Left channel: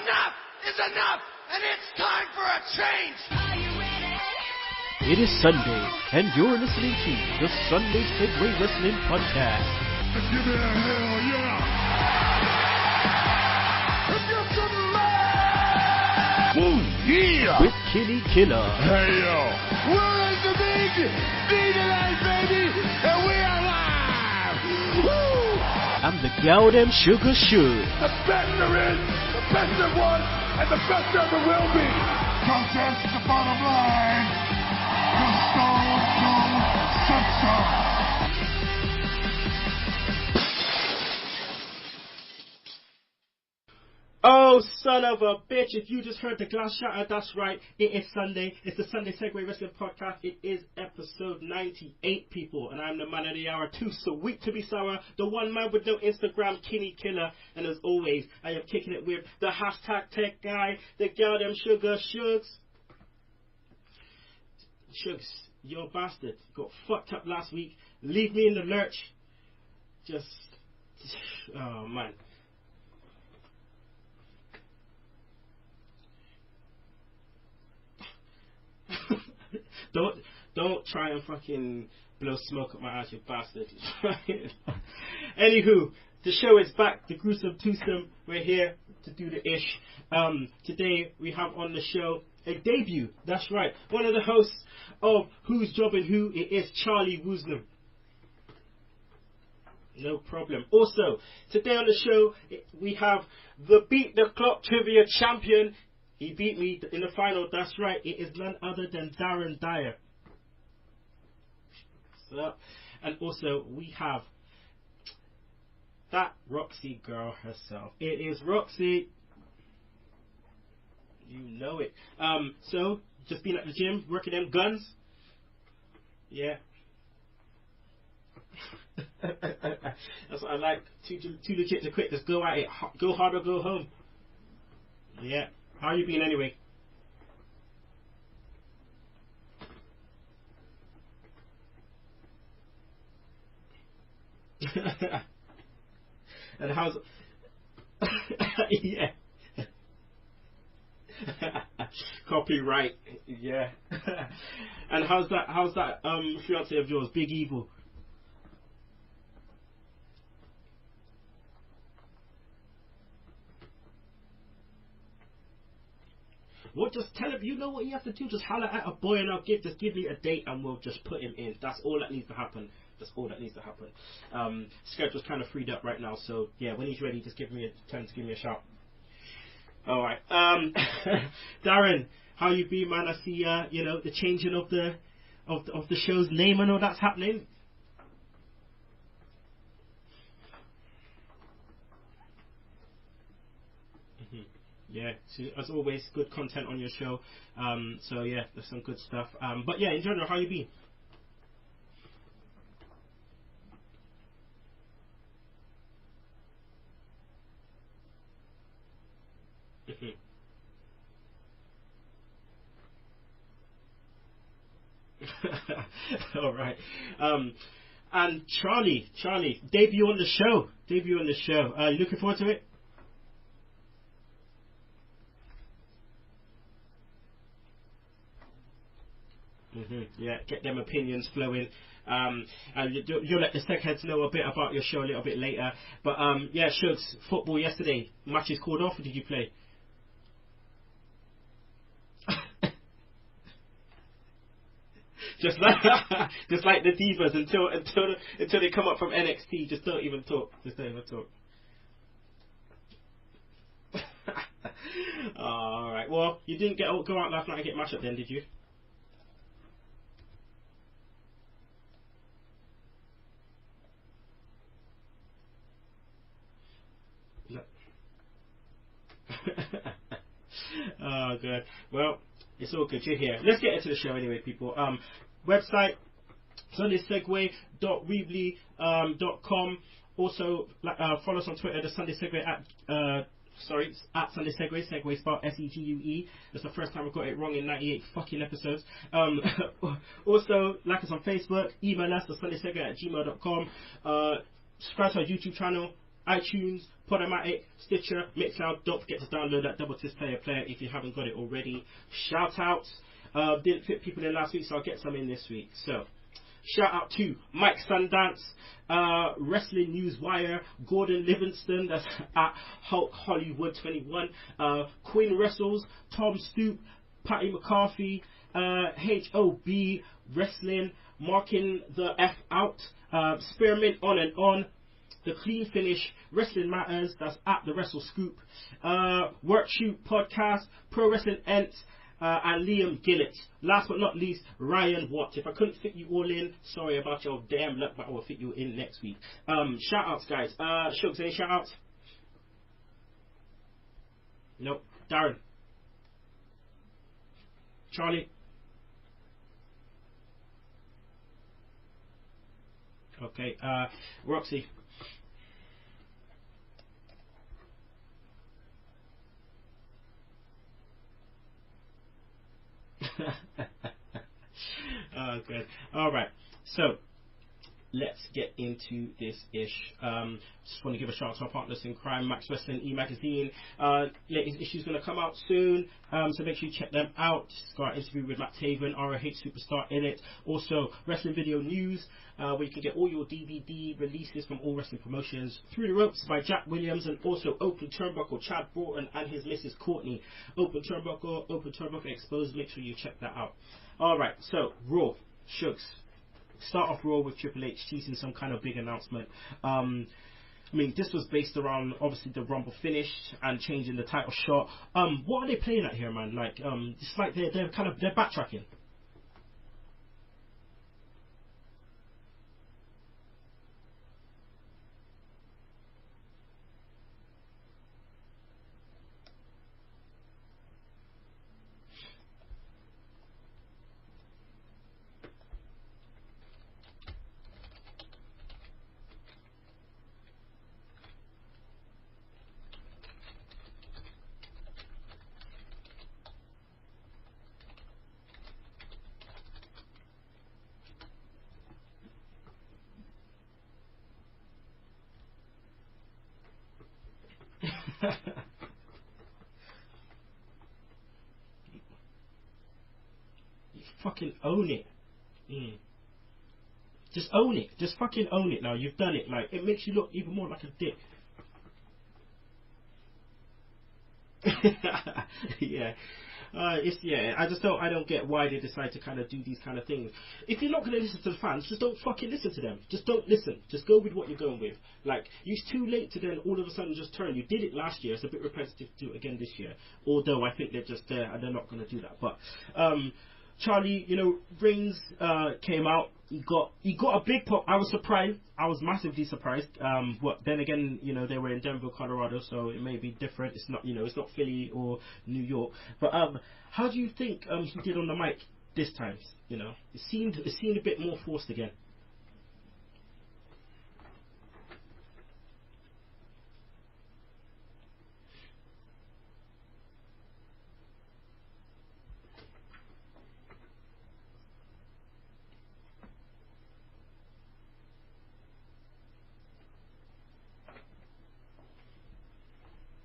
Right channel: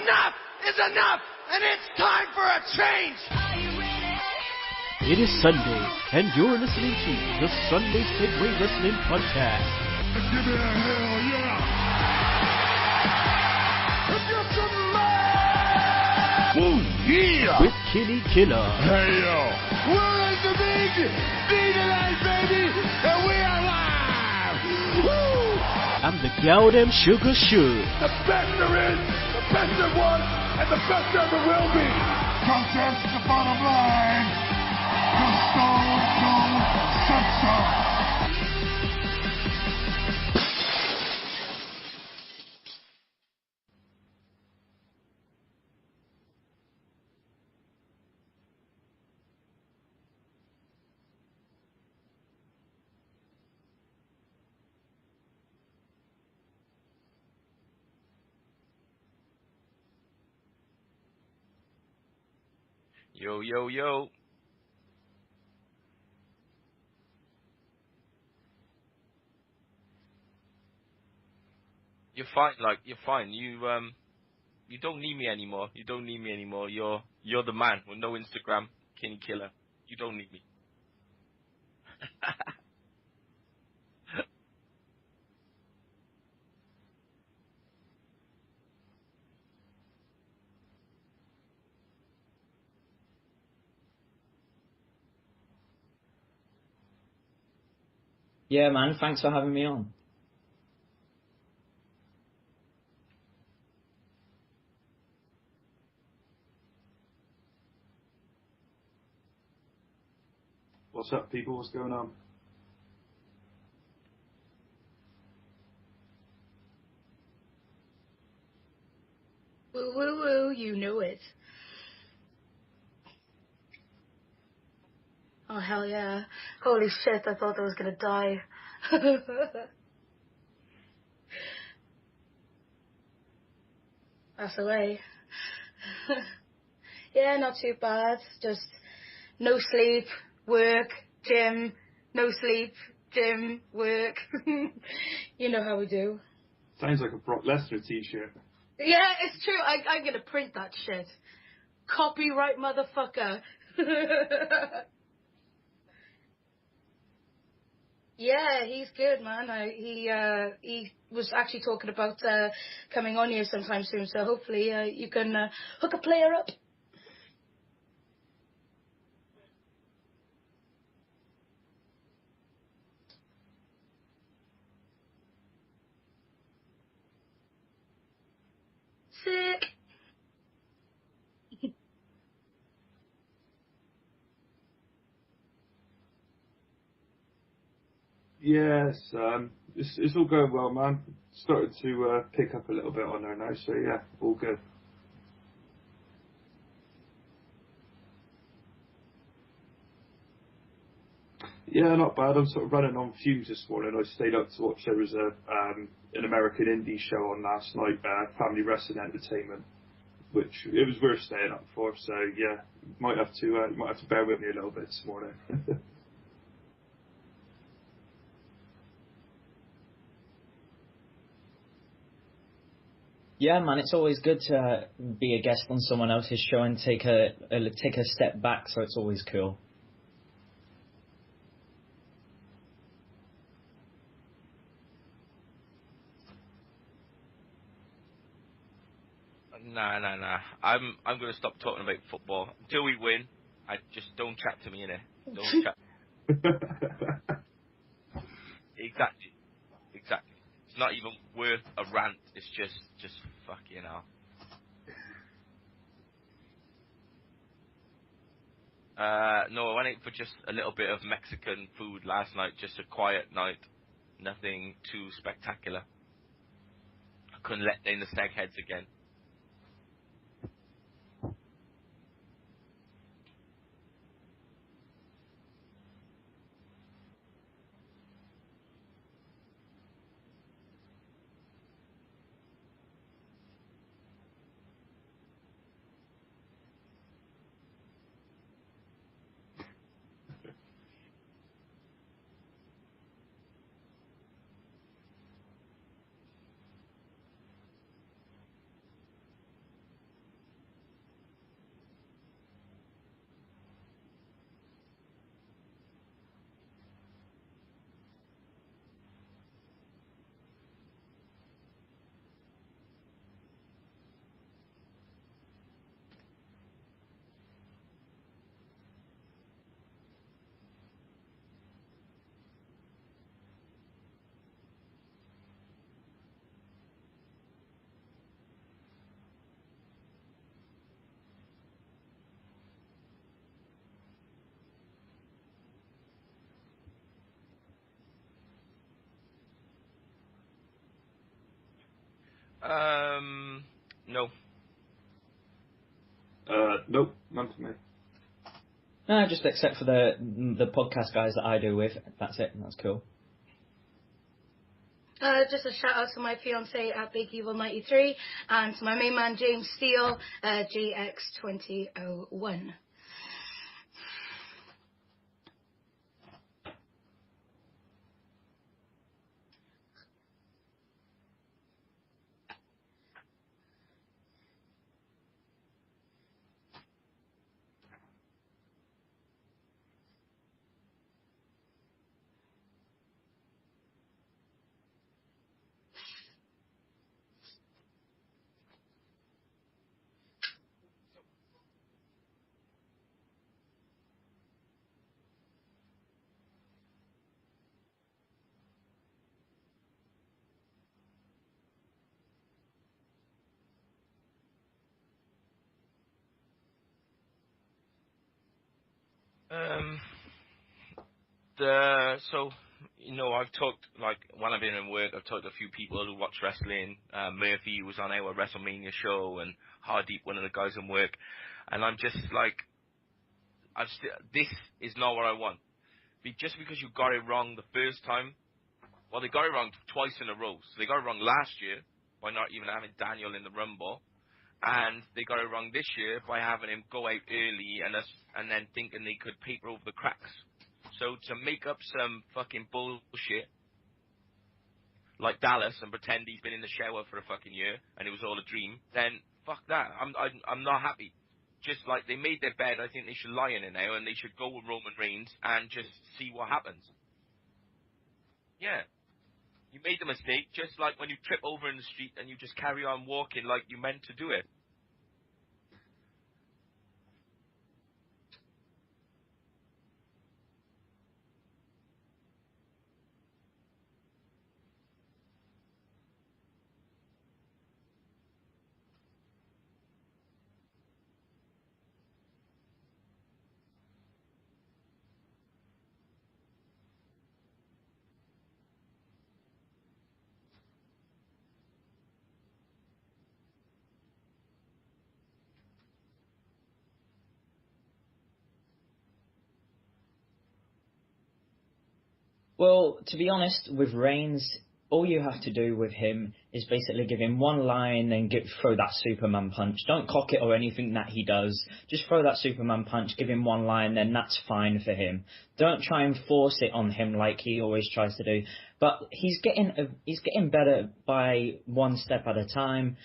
Enough is enough, and it's time for a change! Are you ready? It is Sunday, and you're listening to the Sunday Segue Wrestling Podcast. Give me a hell yeah! Get some man! Ooh, yeah! With Kinny, Killa. Hey yo! We're in the big D tonight, baby! And we are live! Woo! I'm the gal them sugar shoe. The best there is, the best there was, and the best there ever will be! Cause that's the bottom line! The Stone Cold Simpson! Oh, son of a bitch, if you just heard the glass shatter, that's right, it is Sunday. It's the Sunday Segue Wrestling Podcast. It is episode 98, people, and I'm the man of the hour, too sweet to be sour, the one man with no Instagram, Kinny Killa, and as always, I am kicking it with the hashtag tech guy, the girl them sugar Shugs. Yo, yo, yo. Shugs, you bastard, got fucked up last week, leave me in the lurch, just, oh man. You're fine, you're fine, you don't need me anymore. You're the man with no Instagram, Kinny Killa. don't need me. Don't try and fucking blow smoke up my ass, you bastard. Anywho, the show is back. The gruesome twosome. We're here to do the ish. Today we have on the show a debut. That's right. One of the hosts of Who's Jobbing Who. It is Charlie Woosnam. Yeah, man. Thanks for having me on. No problem. Also, today on the show we have the Beat the Clock Trivia Champion. He beat me in the final. That's right. It is none other than Darren Dyer. What's up, people? What's going on? What's up? And also, we have that Roxy girl herself. It is Roxy. Woo, woo, woo. You know it. You know it. So, just been at the gym, working them guns. Oh, hell yeah. Yeah. Holy shit, I thought I was going to die. That's what I like. Too legit to quit. Just go at it. Go hard or go home. That's the way. Yeah. How you been anyway? Yeah, not too bad. Just no sleep, work, gym, no sleep, gym, work. You know how we do. And how sounds like a Brock Lesnar t-shirt. Yeah, it's true. I'm going to print that shit. Copyright, motherfucker. Yeah. And how's that fiance of yours, Big Evil? Yeah, he's good, man. He was actually talking about coming on here sometime soon, so hopefully you can hook a player up. Well, just tell him, you know what you have to do, just holler at a boy and just give me a date and we'll just put him in. That's all that needs to happen. That's all that needs to happen. Schedule's kind of freed up right now, so yeah, when he's ready, just give me a shout. Sick. All right. Darren, how you been, man? I see the changing of the show's name and all that's happening. Yes, it's all going well, man. Started to pick up a little bit on there now, so yeah, all good. Yeah, so as always, good content on your show. So yeah, there's some good stuff. But yeah, in general, how you been? Yeah, not bad. I'm sort of running on fumes this morning. I stayed up to watch. There was an American indie show on last night, Family Wrestling Entertainment, which it was worth staying up for. So yeah, might have to bear with me a little bit this morning. All right. And Charlie, debut on the show. You looking forward to it? Yeah, man. It's always good to be a guest on someone else's show and take a step back. So it's always cool. Yeah, get them opinions flowing. And you'll let the Segheads know a bit about your show a little bit later. But yeah, Shugs, football yesterday. Matches called off, or did you play? Nah. I'm going to stop talking about football until we win. I just don't chat to me, innit? Just like the divas until they come up from NXT, just don't even talk. It's not even worth a rant. It's just fucking hell. All right. Well, you didn't go out last night and get mashed up then, did you? No, I went out for just a little bit of Mexican food last night. Just a quiet night. Nothing too spectacular. I couldn't let in the Segheads again. Oh, good. Well, it's all good. You're here. Let's get into the show anyway, people. Website, sundaysegway.weebly.com. Also, follow us on Twitter, the Sunday Segue at Sunday Segue. Segue spelled Segue. That's the first time I got it wrong in 98 fucking episodes. Also, like us on Facebook. Email us at sundaysegue@gmail.com. Subscribe to our YouTube channel. iTunes, Podomatic, Stitcher, Mixcloud. Don't forget to download that Double Twist Player if you haven't got it already. Shout outs. Didn't fit people in last week, so I'll get some in this week. So, shout out to Mike Sundance, Wrestling News Wire, Gordon Livingston, that's at Hulk Hollywood 21, Queen Wrestles, Tom Stoop, Patty McCarthy, HOB Wrestling, Marking the F Out, Spearmint On and On, The Clean Finish, Wrestling Matters, that's at the Wrestle Scoop, Workshoot Podcast, Pro Wrestling Ents, and Liam Gillett. Last but not least, Ryan Watt. If I couldn't fit you all in, sorry about your damn luck, but I will fit you in next week. Shout outs, guys. Shugs, any shout outs? No. Nope. Darren? Nope, none for me. Charlie? No, just except for the podcast guys that I do with. That's it. That's cool. Okay. Roxy? Just a shout out to my fiance at Big Evil 93 and to my main man James Steele, GX2001. Good. All right. So let's get into this ish. Just want to give a shout out to our partners in crime, Max Wrestling E-Magazine. Latest issue's going to come out soon, so make sure you check them out. Just got an interview with Matt Taven, ROH Superstar in it. Also, Wrestling Video News, where you can get all your DVD releases from all wrestling promotions. Through the Ropes by Jack Williams, and also Open Turnbuckle, Chad Broughton and his Mrs. Courtney. Open Turnbuckle Exposed. Make sure you check that out. All right, so Raw, Shugs. Start off Raw with Triple H teasing some kind of big announcement. I mean, this was based around obviously the Rumble finish and changing the title shot. What are they playing at here, man? Like, it's like they're backtracking. So, you know, I've talked, like, when I've been in work, I've talked to a few people who watch wrestling. Murphy was on our WrestleMania show, and Hardeep, one of the guys in work. And I'm just like, this is not what I want. Just because you got it wrong the first time, well, they got it wrong twice in a row. So they got it wrong last year by not even having Daniel in the Rumble, and they got it wrong this year by having him go out early and then thinking they could paper over the cracks. So to make up some fucking bullshit like Dallas and pretend he's been in the shower for a fucking year and it was all a dream, then fuck that. I'm not happy. Just like they made their bed, I think they should lie in it now and they should go with Roman Reigns and just see what happens. Just own it. Just fucking own it. Now you've done it. Like it makes you look even more like just like when you trip over in the street and you just carry on walking like you meant to do it. Yeah. I don't get why they decide to kind of do these kind of things. If you're not going to listen to the fans, just don't fucking listen to them. Just don't listen. Just go with what you're going with. Like, it's too late to then all of a sudden just turn. You did it last year. It's a bit repetitive to do it again this year. Although I think they're just there and they're not going to do that. But Charlie, you know, Reigns came out. He got a big pop. I was surprised. I was massively surprised. Then again, you know, they were in Denver, Colorado, so it may be different. It's not, you know, it's not Philly or New York. But how do you think he did on the mic this time? You know, it seemed a bit more forced again. Well, to be honest, with Reigns, all you have to do with him is basically give him one line and throw that Superman punch. Don't cock it or anything that he does. Just throw that Superman punch, give him one line, then that's fine for him. Don't try and force it on him like he always tries to do. But he's getting better by one step at a time.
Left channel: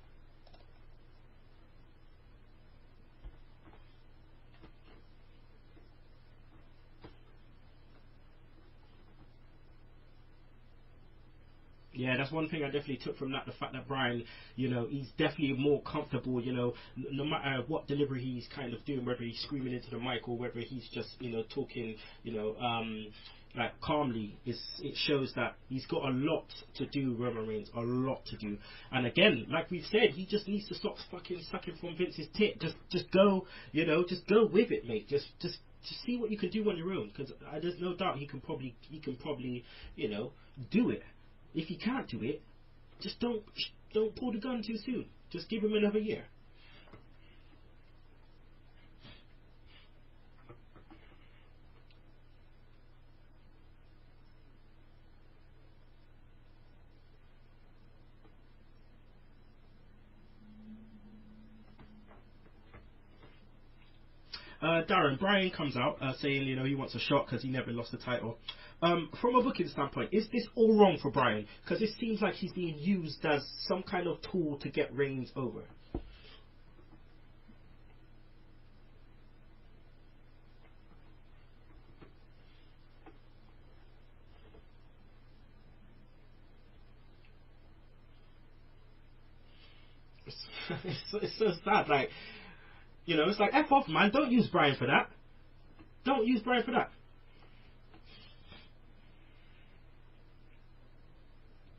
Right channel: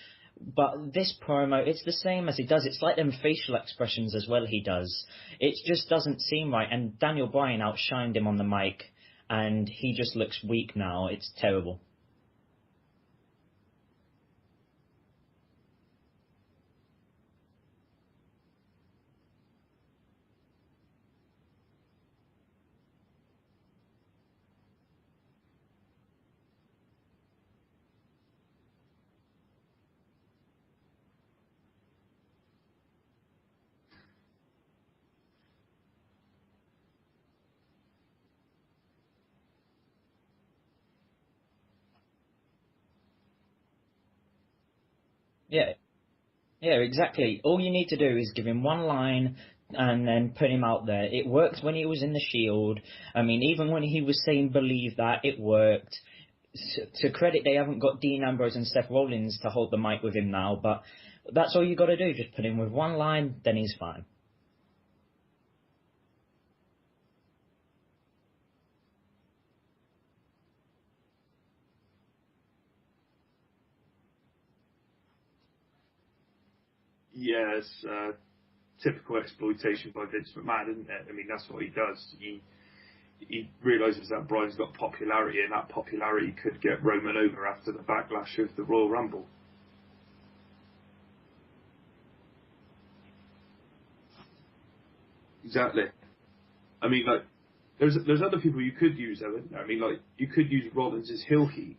But this promo, it's the same as he does. It's like them facial expressions as well he does. It just doesn't seem right. And Daniel Bryan outshined him on the mic. And he just looks weak now. It's terrible. Yeah, that's one thing I definitely took from that. The fact that Bryan, you know, he's definitely more comfortable, you know, no matter what delivery he's kind of doing, whether he's screaming into the mic or whether he's just, you know, talking, you know, like calmly. It shows that he's got a lot to do, Roman Reigns, a lot to do. And again, like we've said, he just needs to stop fucking sucking from Vince's tit. Just go, you know, just go with it, mate. Just see what you can do on your own, because there's no doubt he can probably, you know, do it. If he can't do it, just don't pull the gun too soon. Just give him another year. Yeah, exactly. All you need to do is give him one line and then put him out there. It worked when he was in the Shield. I mean, even when he was saying "believe that," it worked. To credit, they haven't got Dean Ambrose and Seth Rollins to hold the mic with him now, but that's all you got to do. Just put him with one line, then he's fine. Darren, Bryan comes out saying, you know, he wants a shot because he never lost the title. From a booking standpoint, is this all wrong for Bryan? Because it seems like he's being used as some kind of tool to get Reigns over. Yeah, it's typical exploitation by Vince McMahon, isn't it? I mean, that's what he does. He realises that Bryan's got popularity, and that popularity could get Roman over after the backlash of the Royal Rumble. It's so sad. Like, you know, it's like, F off, man. Don't use Bryan for that. Exactly. Don't use Bryan for that. I mean, like, there's other people you could use, though, isn't there? I mean, like, you could use Rollins' heel heat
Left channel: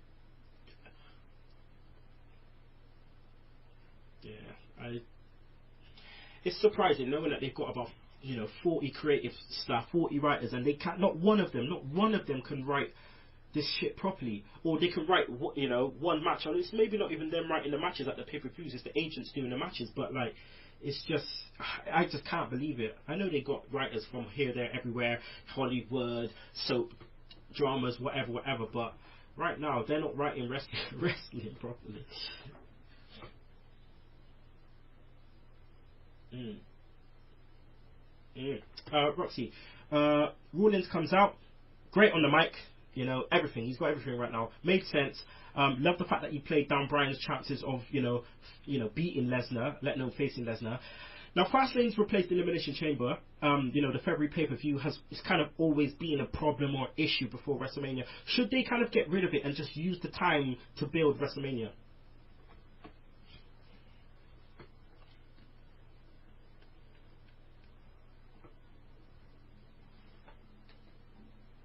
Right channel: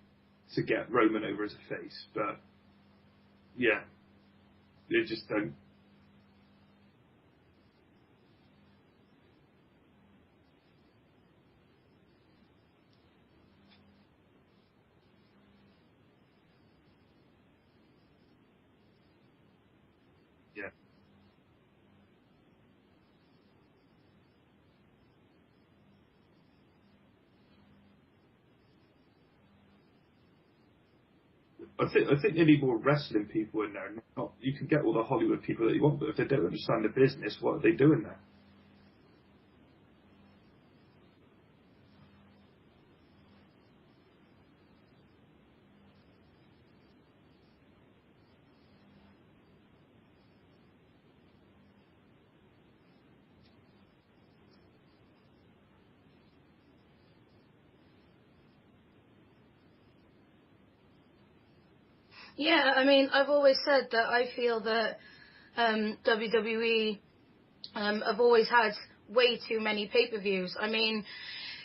to get Roman over as a face, but yeah, they just don't. It's surprising knowing that they've got about 40 creative staff, 40 writers, and they can't. Not one of them can write this shit properly, or they can write one match. And it's maybe not even them writing the matches at the pay-per-views. It's the agents doing the matches, but like, it's just I just can't believe it. I know they got writers from here, there, everywhere, Hollywood, soap, dramas, whatever, but right now they're not writing wrestling properly. I think they need more wrestling people in there. You can get all the Hollywood people that you want, but if they don't understand the business, what are they doing there? Roxy, Rollins comes out, great on the mic. Everything. He's got everything right now. Made sense. Love the fact that he played down Bryan's chances of, beating Lesnar, letting him facing Lesnar. Now, Fastlane's replaced the Elimination Chamber. The February pay-per-view it's kind of always been a problem or issue before WrestleMania. Should they kind of get rid of it and just use the time to build WrestleMania? Yeah, I mean, I've always said that I feel that WWE have always had way too many pay-per-views. I mean,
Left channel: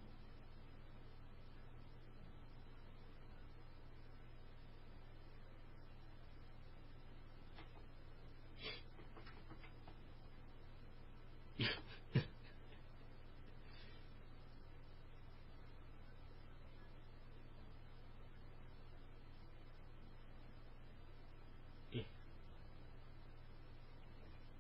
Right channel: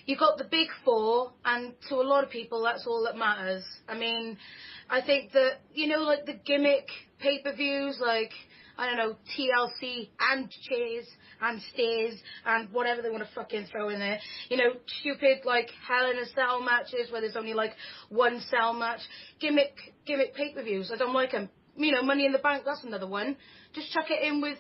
you got the big four, and to a lot of people, that's all that matters. I mean, I think that, like the gimmick pay-per-views, like, I don't know, TLC and Cheers and Stairs and whatever they want to fucking throw in there. Stupid, like, Hell in a Cell matches where there's only, like, one cell match. Gimmick pay-per-views, I don't like them. Money in the Bank, that's another one. Just chuck it in with,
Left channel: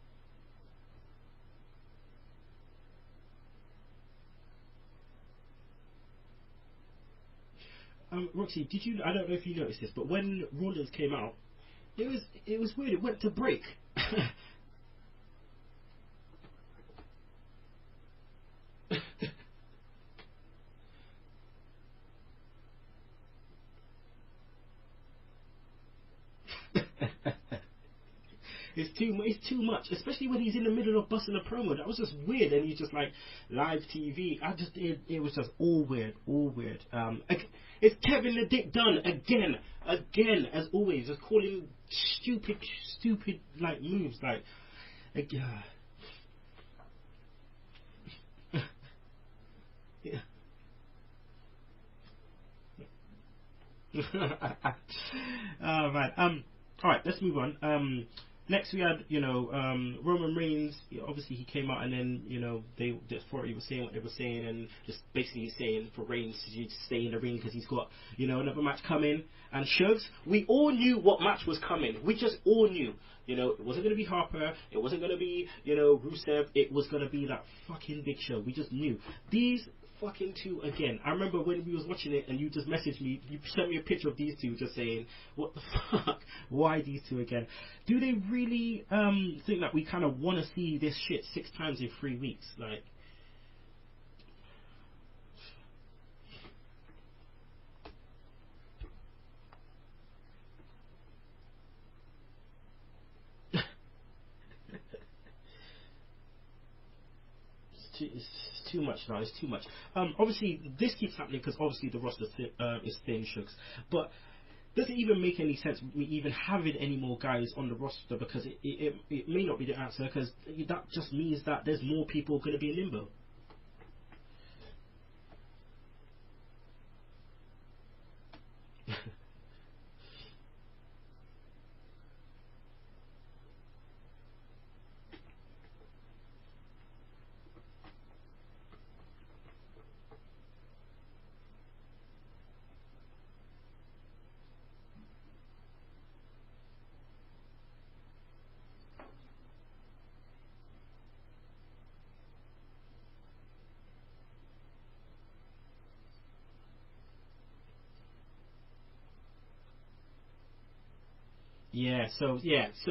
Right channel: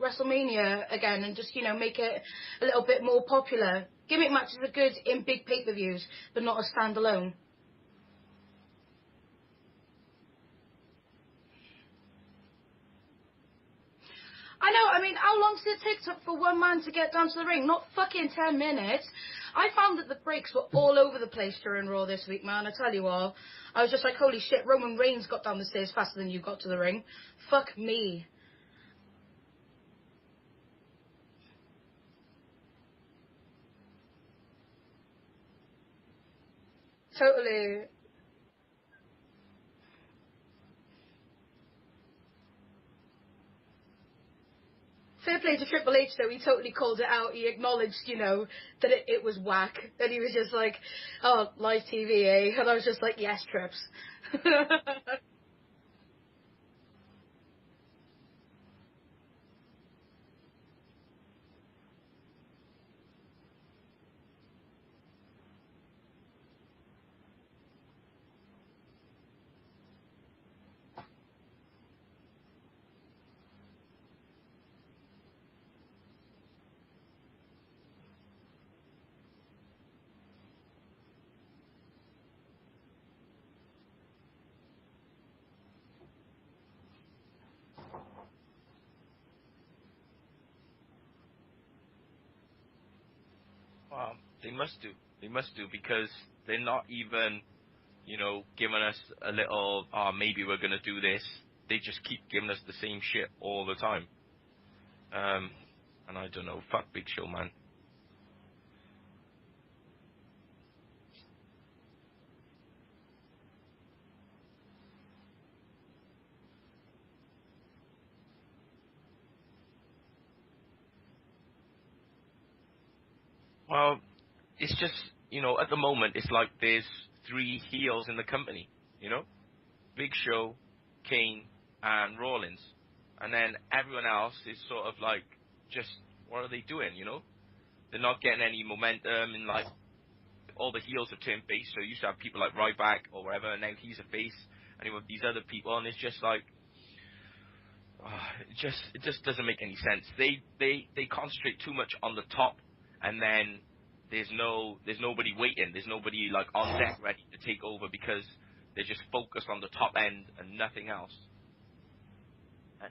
WrestleMania again and just, make it a little bit more popular. Gimmick matches are good in big pay-per-views, but not as standalone. Roxy, I don't know if you noticed this, but when Rollins came out, it was weird. It went to break. I know. I mean, how long did it take for one man to get down to the ring? Not fucking 10 minutes. I found that the breaks were all over the place during Raw this week, man. I tell you all. I was just like, holy shit, Roman Reigns got down the stairs faster than you got to the ring. Fuck me. It's too much, especially when he's in the middle of busting a promo. That was just weird, and he's just like live TV. It was just all weird. Totally. It's Kevin the Dick Dunn again, as always, just calling stupid like moves like. Fair play to Triple H though, he totally called it out. He acknowledged, that it was whack, and he was just like, "Oh, live TV, eh?" And I was just like, "Yes, Trips." Oh man. All right, let's move on. Next we had, Roman Reigns. Obviously he came out and then, the authority was saying what they were saying and just basically saying for Reigns to stay in the ring because he's got, another match coming. And Shugs, we all knew what match was coming. We just all knew. It wasn't going to be Harper. It wasn't going to be, Rusev. It was going to be that fucking Big Show. We just knew. These fucking two again. I remember when we was watching it and you just messaged me. You sent me a picture of these two just saying, what the fuck? Why these two again? Do they really think that we kind of want to see this shit 6 times in 3 weeks? Like, well, they must do. They must do because they're not even, giving us a little, maybe we're going to do this. They just keep giving us the same shit all the time. And I don't know, fuck Big Show, man. It's too much now. It's too much. Obviously, this keeps happening because obviously the roster is thin, Shugs. But does it even make any sense we even having any more guys on the roster? Because it may not be the answer because that just means that there's more people going to be in limbo. Well, it's just, at the moment, it's like there's 3 heels in the company, Big Show, Kane, and Rollins. And then everyone else is sort of like, just, what are they doing, They're not getting any momentum, and like, all the heels are turned face, so you used to have people like Ryback or whatever, and now he's a face, and you have these other people, and it's just like, it just doesn't make any sense. They concentrate too much on the top, and then there's nobody waiting, there's nobody like on deck ready to take over because they're just focused on the top end and nothing else. So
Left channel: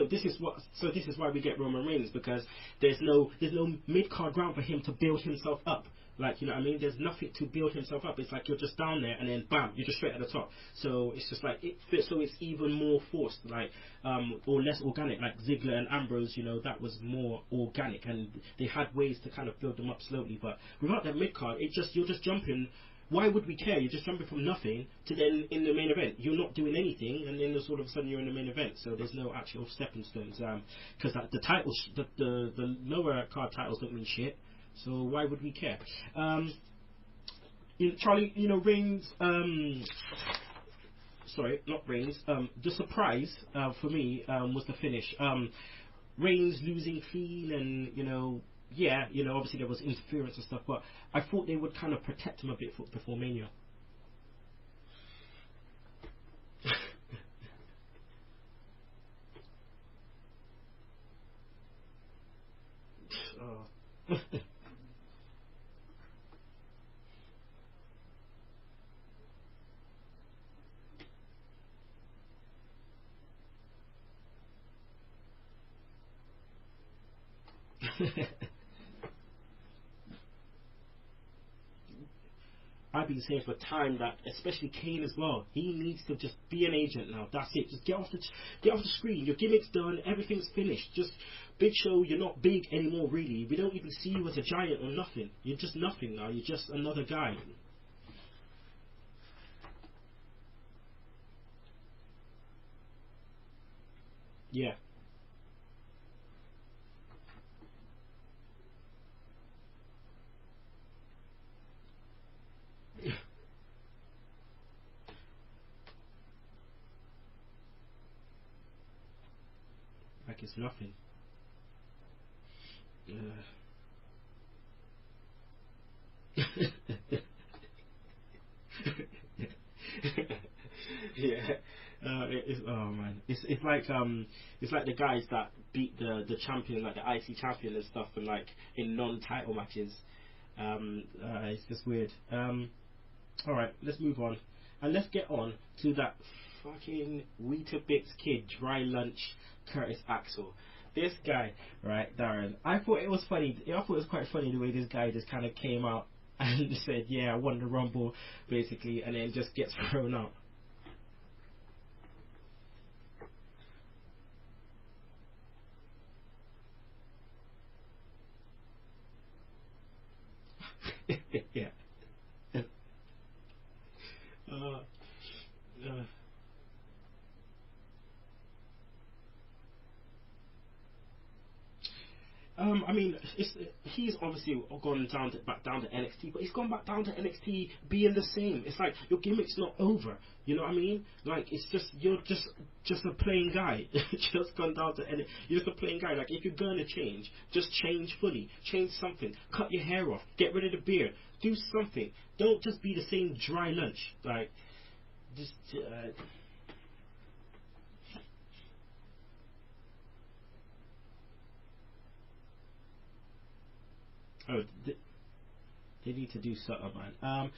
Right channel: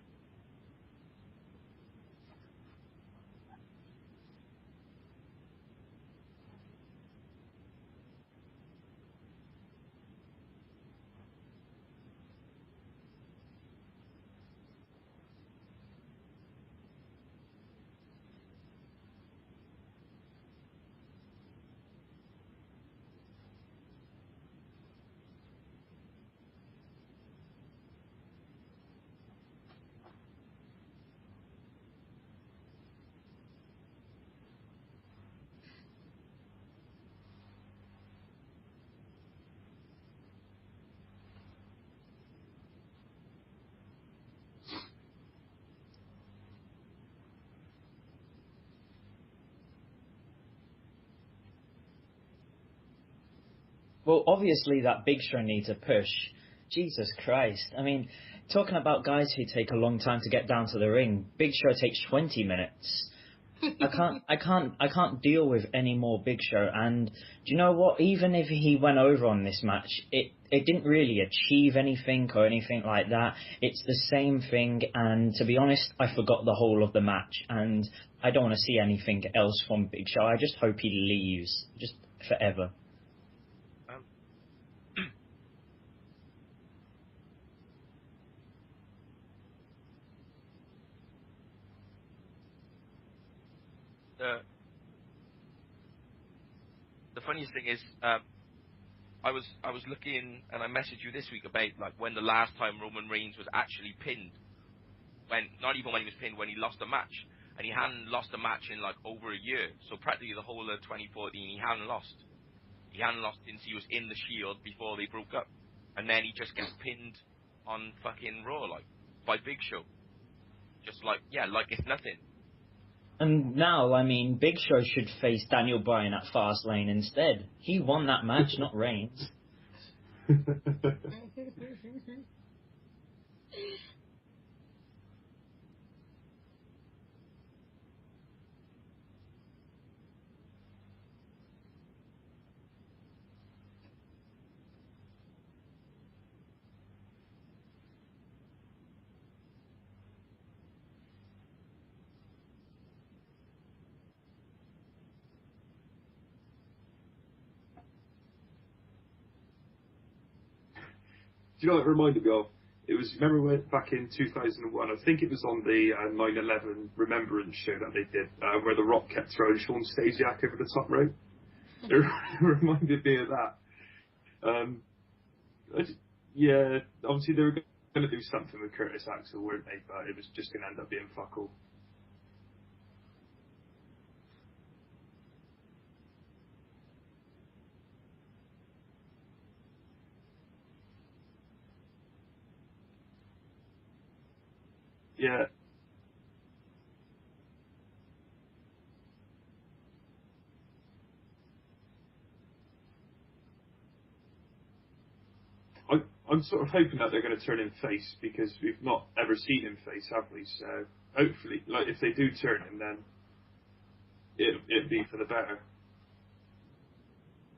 this is why we get Roman Reigns, because there's no mid-card ground for him to build himself up. Like, you know what I mean? There's nothing to build himself up. It's like you're just down there and then bam, you're just straight at the top. So it's just like so it's even more forced, like or less organic. Like Ziggler and Ambrose, you know, that was more organic, and they had ways to kind of build them up slowly. But without that mid card, you're just jumping. Why would we care? You're just jumping from nothing to then in the main event. You're not doing anything, and then all of a sudden you're in the main event. So there's no actual stepping stones. Because the titles, the lower card titles don't mean shit. So why would we care? Charlie, you know, Reigns. Sorry, not Reigns. The surprise for me was the finish. Reigns losing clean, and you know, obviously there was interference and stuff, but I thought they would kind of protect him a bit before Mania. Well, obviously that Big Show needs a push. Jesus Christ! I mean, talking about guys who take a long time to get down to the ring, Big Show takes 20 minutes. I can't deal with any more Big Show. And do you know what? Even if he went over on this match, it didn't really achieve anything or anything like that. It's the same thing, and to be honest, I forgot the whole of the match, and I don't want to see anything else from Big Show. I just hope he leaves, just forever. I've been saying for time that, especially Kane as well, he needs to just be an agent now. That's it. Just get off the screen. Your gimmick's done. Everything's finished. Just Big Show, you're not big anymore, really. We don't even see you as a giant or nothing. You're just nothing now. You're just another guy. The funniest thing is, I was looking, and I messaged you this week about like when the last time Roman Reigns was actually pinned. Yeah. Not even when he was pinned, when he lost a match, and he hadn't lost a match in like over a year. So practically the whole of 2014, he hadn't lost. He hadn't lost since he was in the Shield before they broke up, and then he just gets pinned on fucking Raw like by Big Show. Like it's nothing. Just like it's nothing. And now, I mean, Big Show should face Daniel Bryan at Fastlane instead. He won that match, not Reigns. Yeah. Oh man, it's like the guys that beat the champion, like the IC champion and stuff, and like in non-title matches. It's just weird. All right, let's move on, and let's get on to that fucking Weetabix kid, dry lunch, Curtis Axel. This guy, right, Darren. I thought it was funny. I thought it was quite funny the way this guy just kind of came out and said, "Yeah, I won the Rumble," basically, and then just gets thrown out. Do you know what it reminded me of? It was, remember when back in 2001, I think it was on the 9/11 Remembrance show that they did, where The Rock kept throwing Sean Stasiak over the top rope? Yeah. It reminded me of that. Yeah, obviously they were going to do something with Curtis Axel, weren't they? But it was just going to end up being fuck all. I mean, he's obviously gone back down to NXT, but he's gone back down to NXT being the same. It's like your gimmick's not over. You know what I mean? Like it's just you're just a plain guy. Just gone down to NXT. Yeah. You're just a plain guy. Like if you're gonna change, just change fully. Change something. Cut your hair off. Get rid of the beard. Do something. Don't just be the same dry lunch. Like. I'm sort of hoping that they're going to turn him face, because we've not ever seen him face, have we? So hopefully, like if they do turn him, then it'd be for the better. They need to do something, man.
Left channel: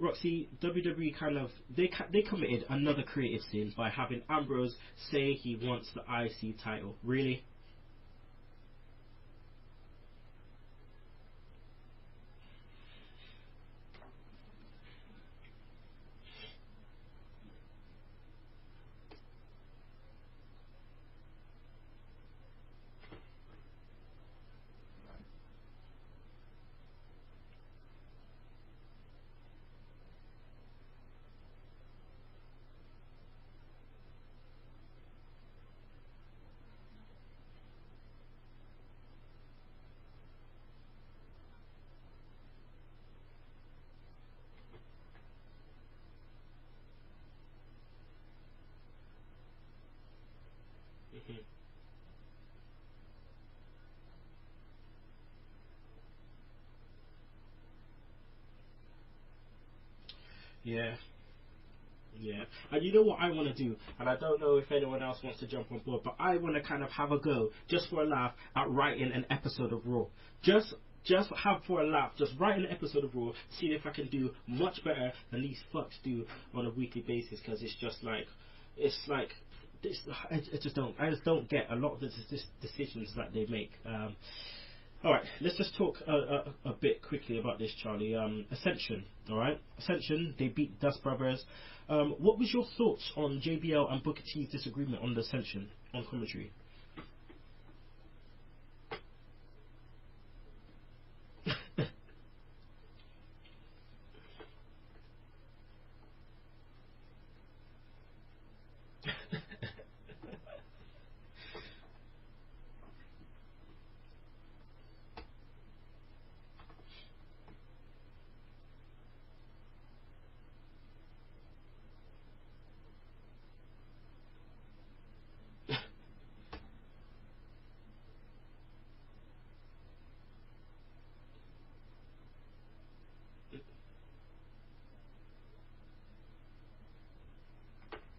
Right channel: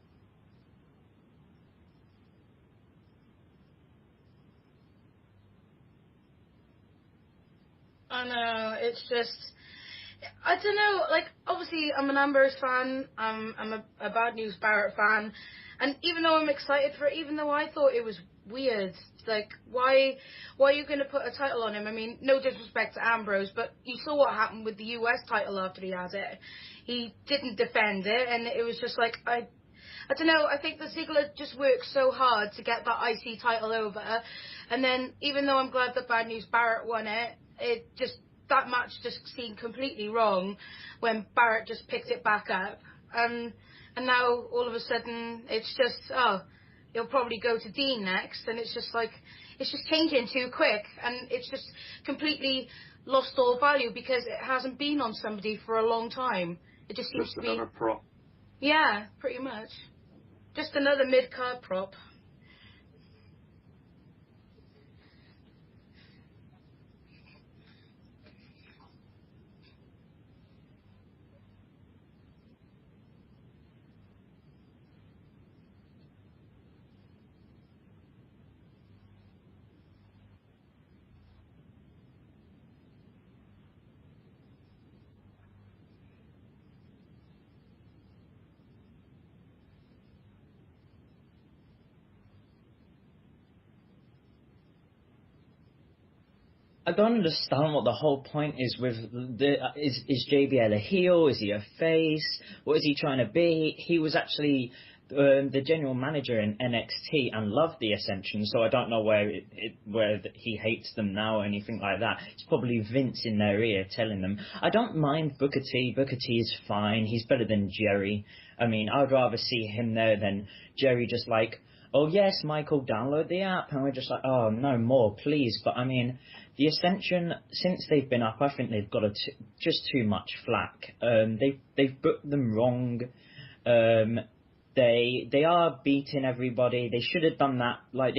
Roxy, WWE kind of they committed another creative sin by having Ambrose say he wants the IC title. Really? I know. It's just. I don't know. Like obviously, I'm an Ambrose fan. I'm a Bad News Barrett fan. And even though I'm excited for it, even though I thought it was weird, like, why are you going to put a title on him? I mean, no disrespect to Ambrose, but you saw what happened with the US title after he had it. He didn't defend it, and it was just like, I don't know, I think that Ziggler just worked so hard to get that IC title over, and then, even though I'm glad that Bad News Barrett won it, that match just seemed completely wrong when Barrett just picked it back up. And now, all of a sudden, it's just, he'll probably go to Dean next, and it's just like, it's just changing too quick, and it's just completely lost all value because it hasn't been on somebody for a long time. It just seems to be... another prop. Yeah, pretty much. Just another mid-card prop. Yeah, and you know what I want to do, and I don't know if anyone else wants to jump on board, but I want to kind of have a go, just for a laugh, at writing an episode of Raw. Just have for a laugh, just write an episode of Raw, see if I can do much better than these fucks do on a weekly basis, because it's just like, I just don't get a lot of the decisions that they make. All right, let's just talk a bit quickly about this, Charlie. Ascension, all right? Ascension, they beat Dust Brothers. What was your thoughts on JBL and Booker T's disagreement on the Ascension on commentary? I don't understand what the whole point is with is JBL a heel? Is he a face? What is he trying to be? He was actually the general manager in NXT and loved the Ascension, so I don't know where he hates them now or anything like that. It's probably Vince in their ear telling them. I don't mind Booker T. Booker T is fine. He's better than Jerry. I mean, I'd rather see him there than Jerry just like, oh yes, Michael, download the app, and we're just like, oh no more, please. But I mean, the Ascension, since they've been up, I think they've got just too much flack. They've booked them wrong. They are beating everybody. They should have done that. Like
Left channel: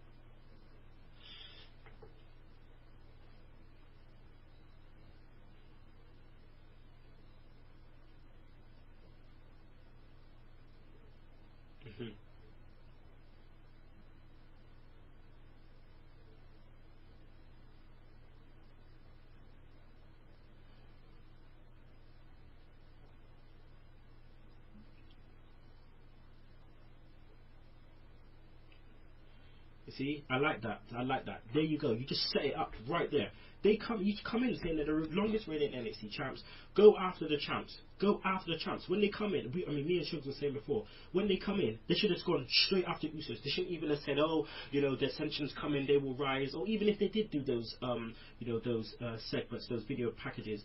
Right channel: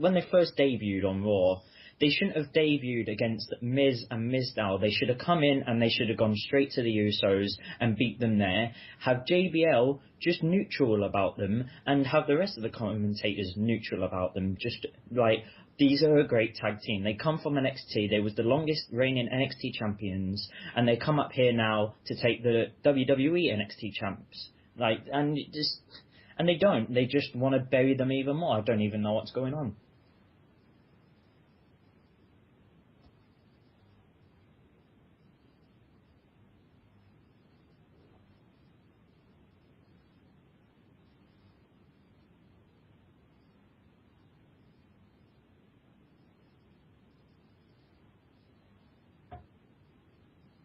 when they first debuted on Raw, they shouldn't have debuted against Miz and Mizdow. They should have come in and they should have gone straight to the Usos and beat them there. Have JBL just neutral about them and have the rest of the commentators neutral about them. Just like, these are a great tag team. They come from NXT. They was the longest reigning NXT champions, and they come up here now to take the WWE NXT champs. And they don't. They just want to bury them even more. I don't even know what's going on. See, I like that. There you go. You just set it up right there. You come in saying they're the longest reigning NXT champs. Go after the champs. When they come in, me and Sugs were saying before, when they come in, they should have gone straight after Usos. They shouldn't even have said, oh, the Ascension's coming, they will rise. Or even if they did do those, those segments, those video packages,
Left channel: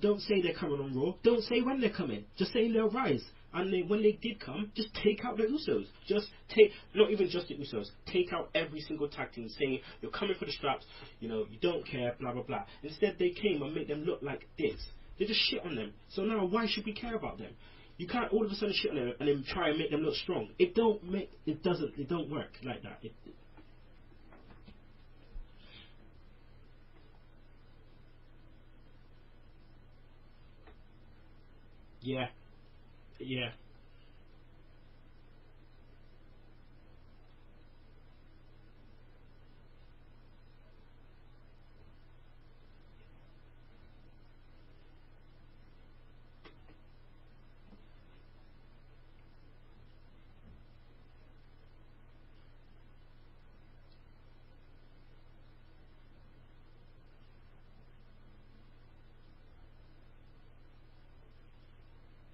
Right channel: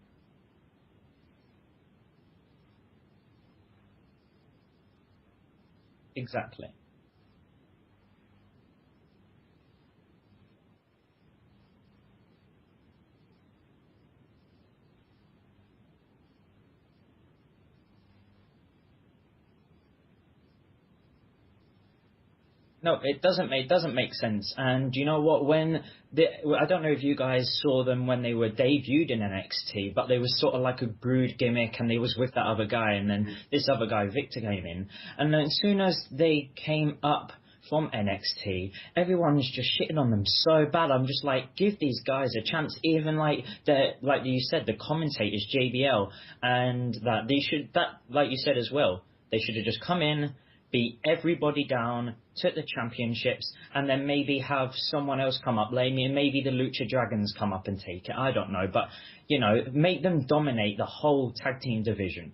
don't say they're coming on Raw. Don't say when they're coming. Just say they'll rise. And when they did come, just take out the Usos. Not even just the Usos. Take out every single tag team, saying you're coming for the straps. You don't care, blah blah blah. Instead, they came and made them look like this. They just shit on them. So now, why should we care about them? You can't all of a sudden shit on them and then try and make them look strong. It don't work. No, it doesn't make sense. And you know what? I don't know if you guys saw them when they were debuted in NXT, but they was sort of like a brood gimmick, and they was with that other guy, and then this other guy, Victor, came in. And then as soon as they came up from NXT, everyone's just shitting on them so bad. I'm just like, give these guys a chance. Even like you said, the commentators, JBL, and like you said as well, they should have just come in, beat everybody down, took the championships, and then maybe have someone else come up. Maybe the Lucha Dragons come up and take it. I don't know, but make them dominate the whole tag team division.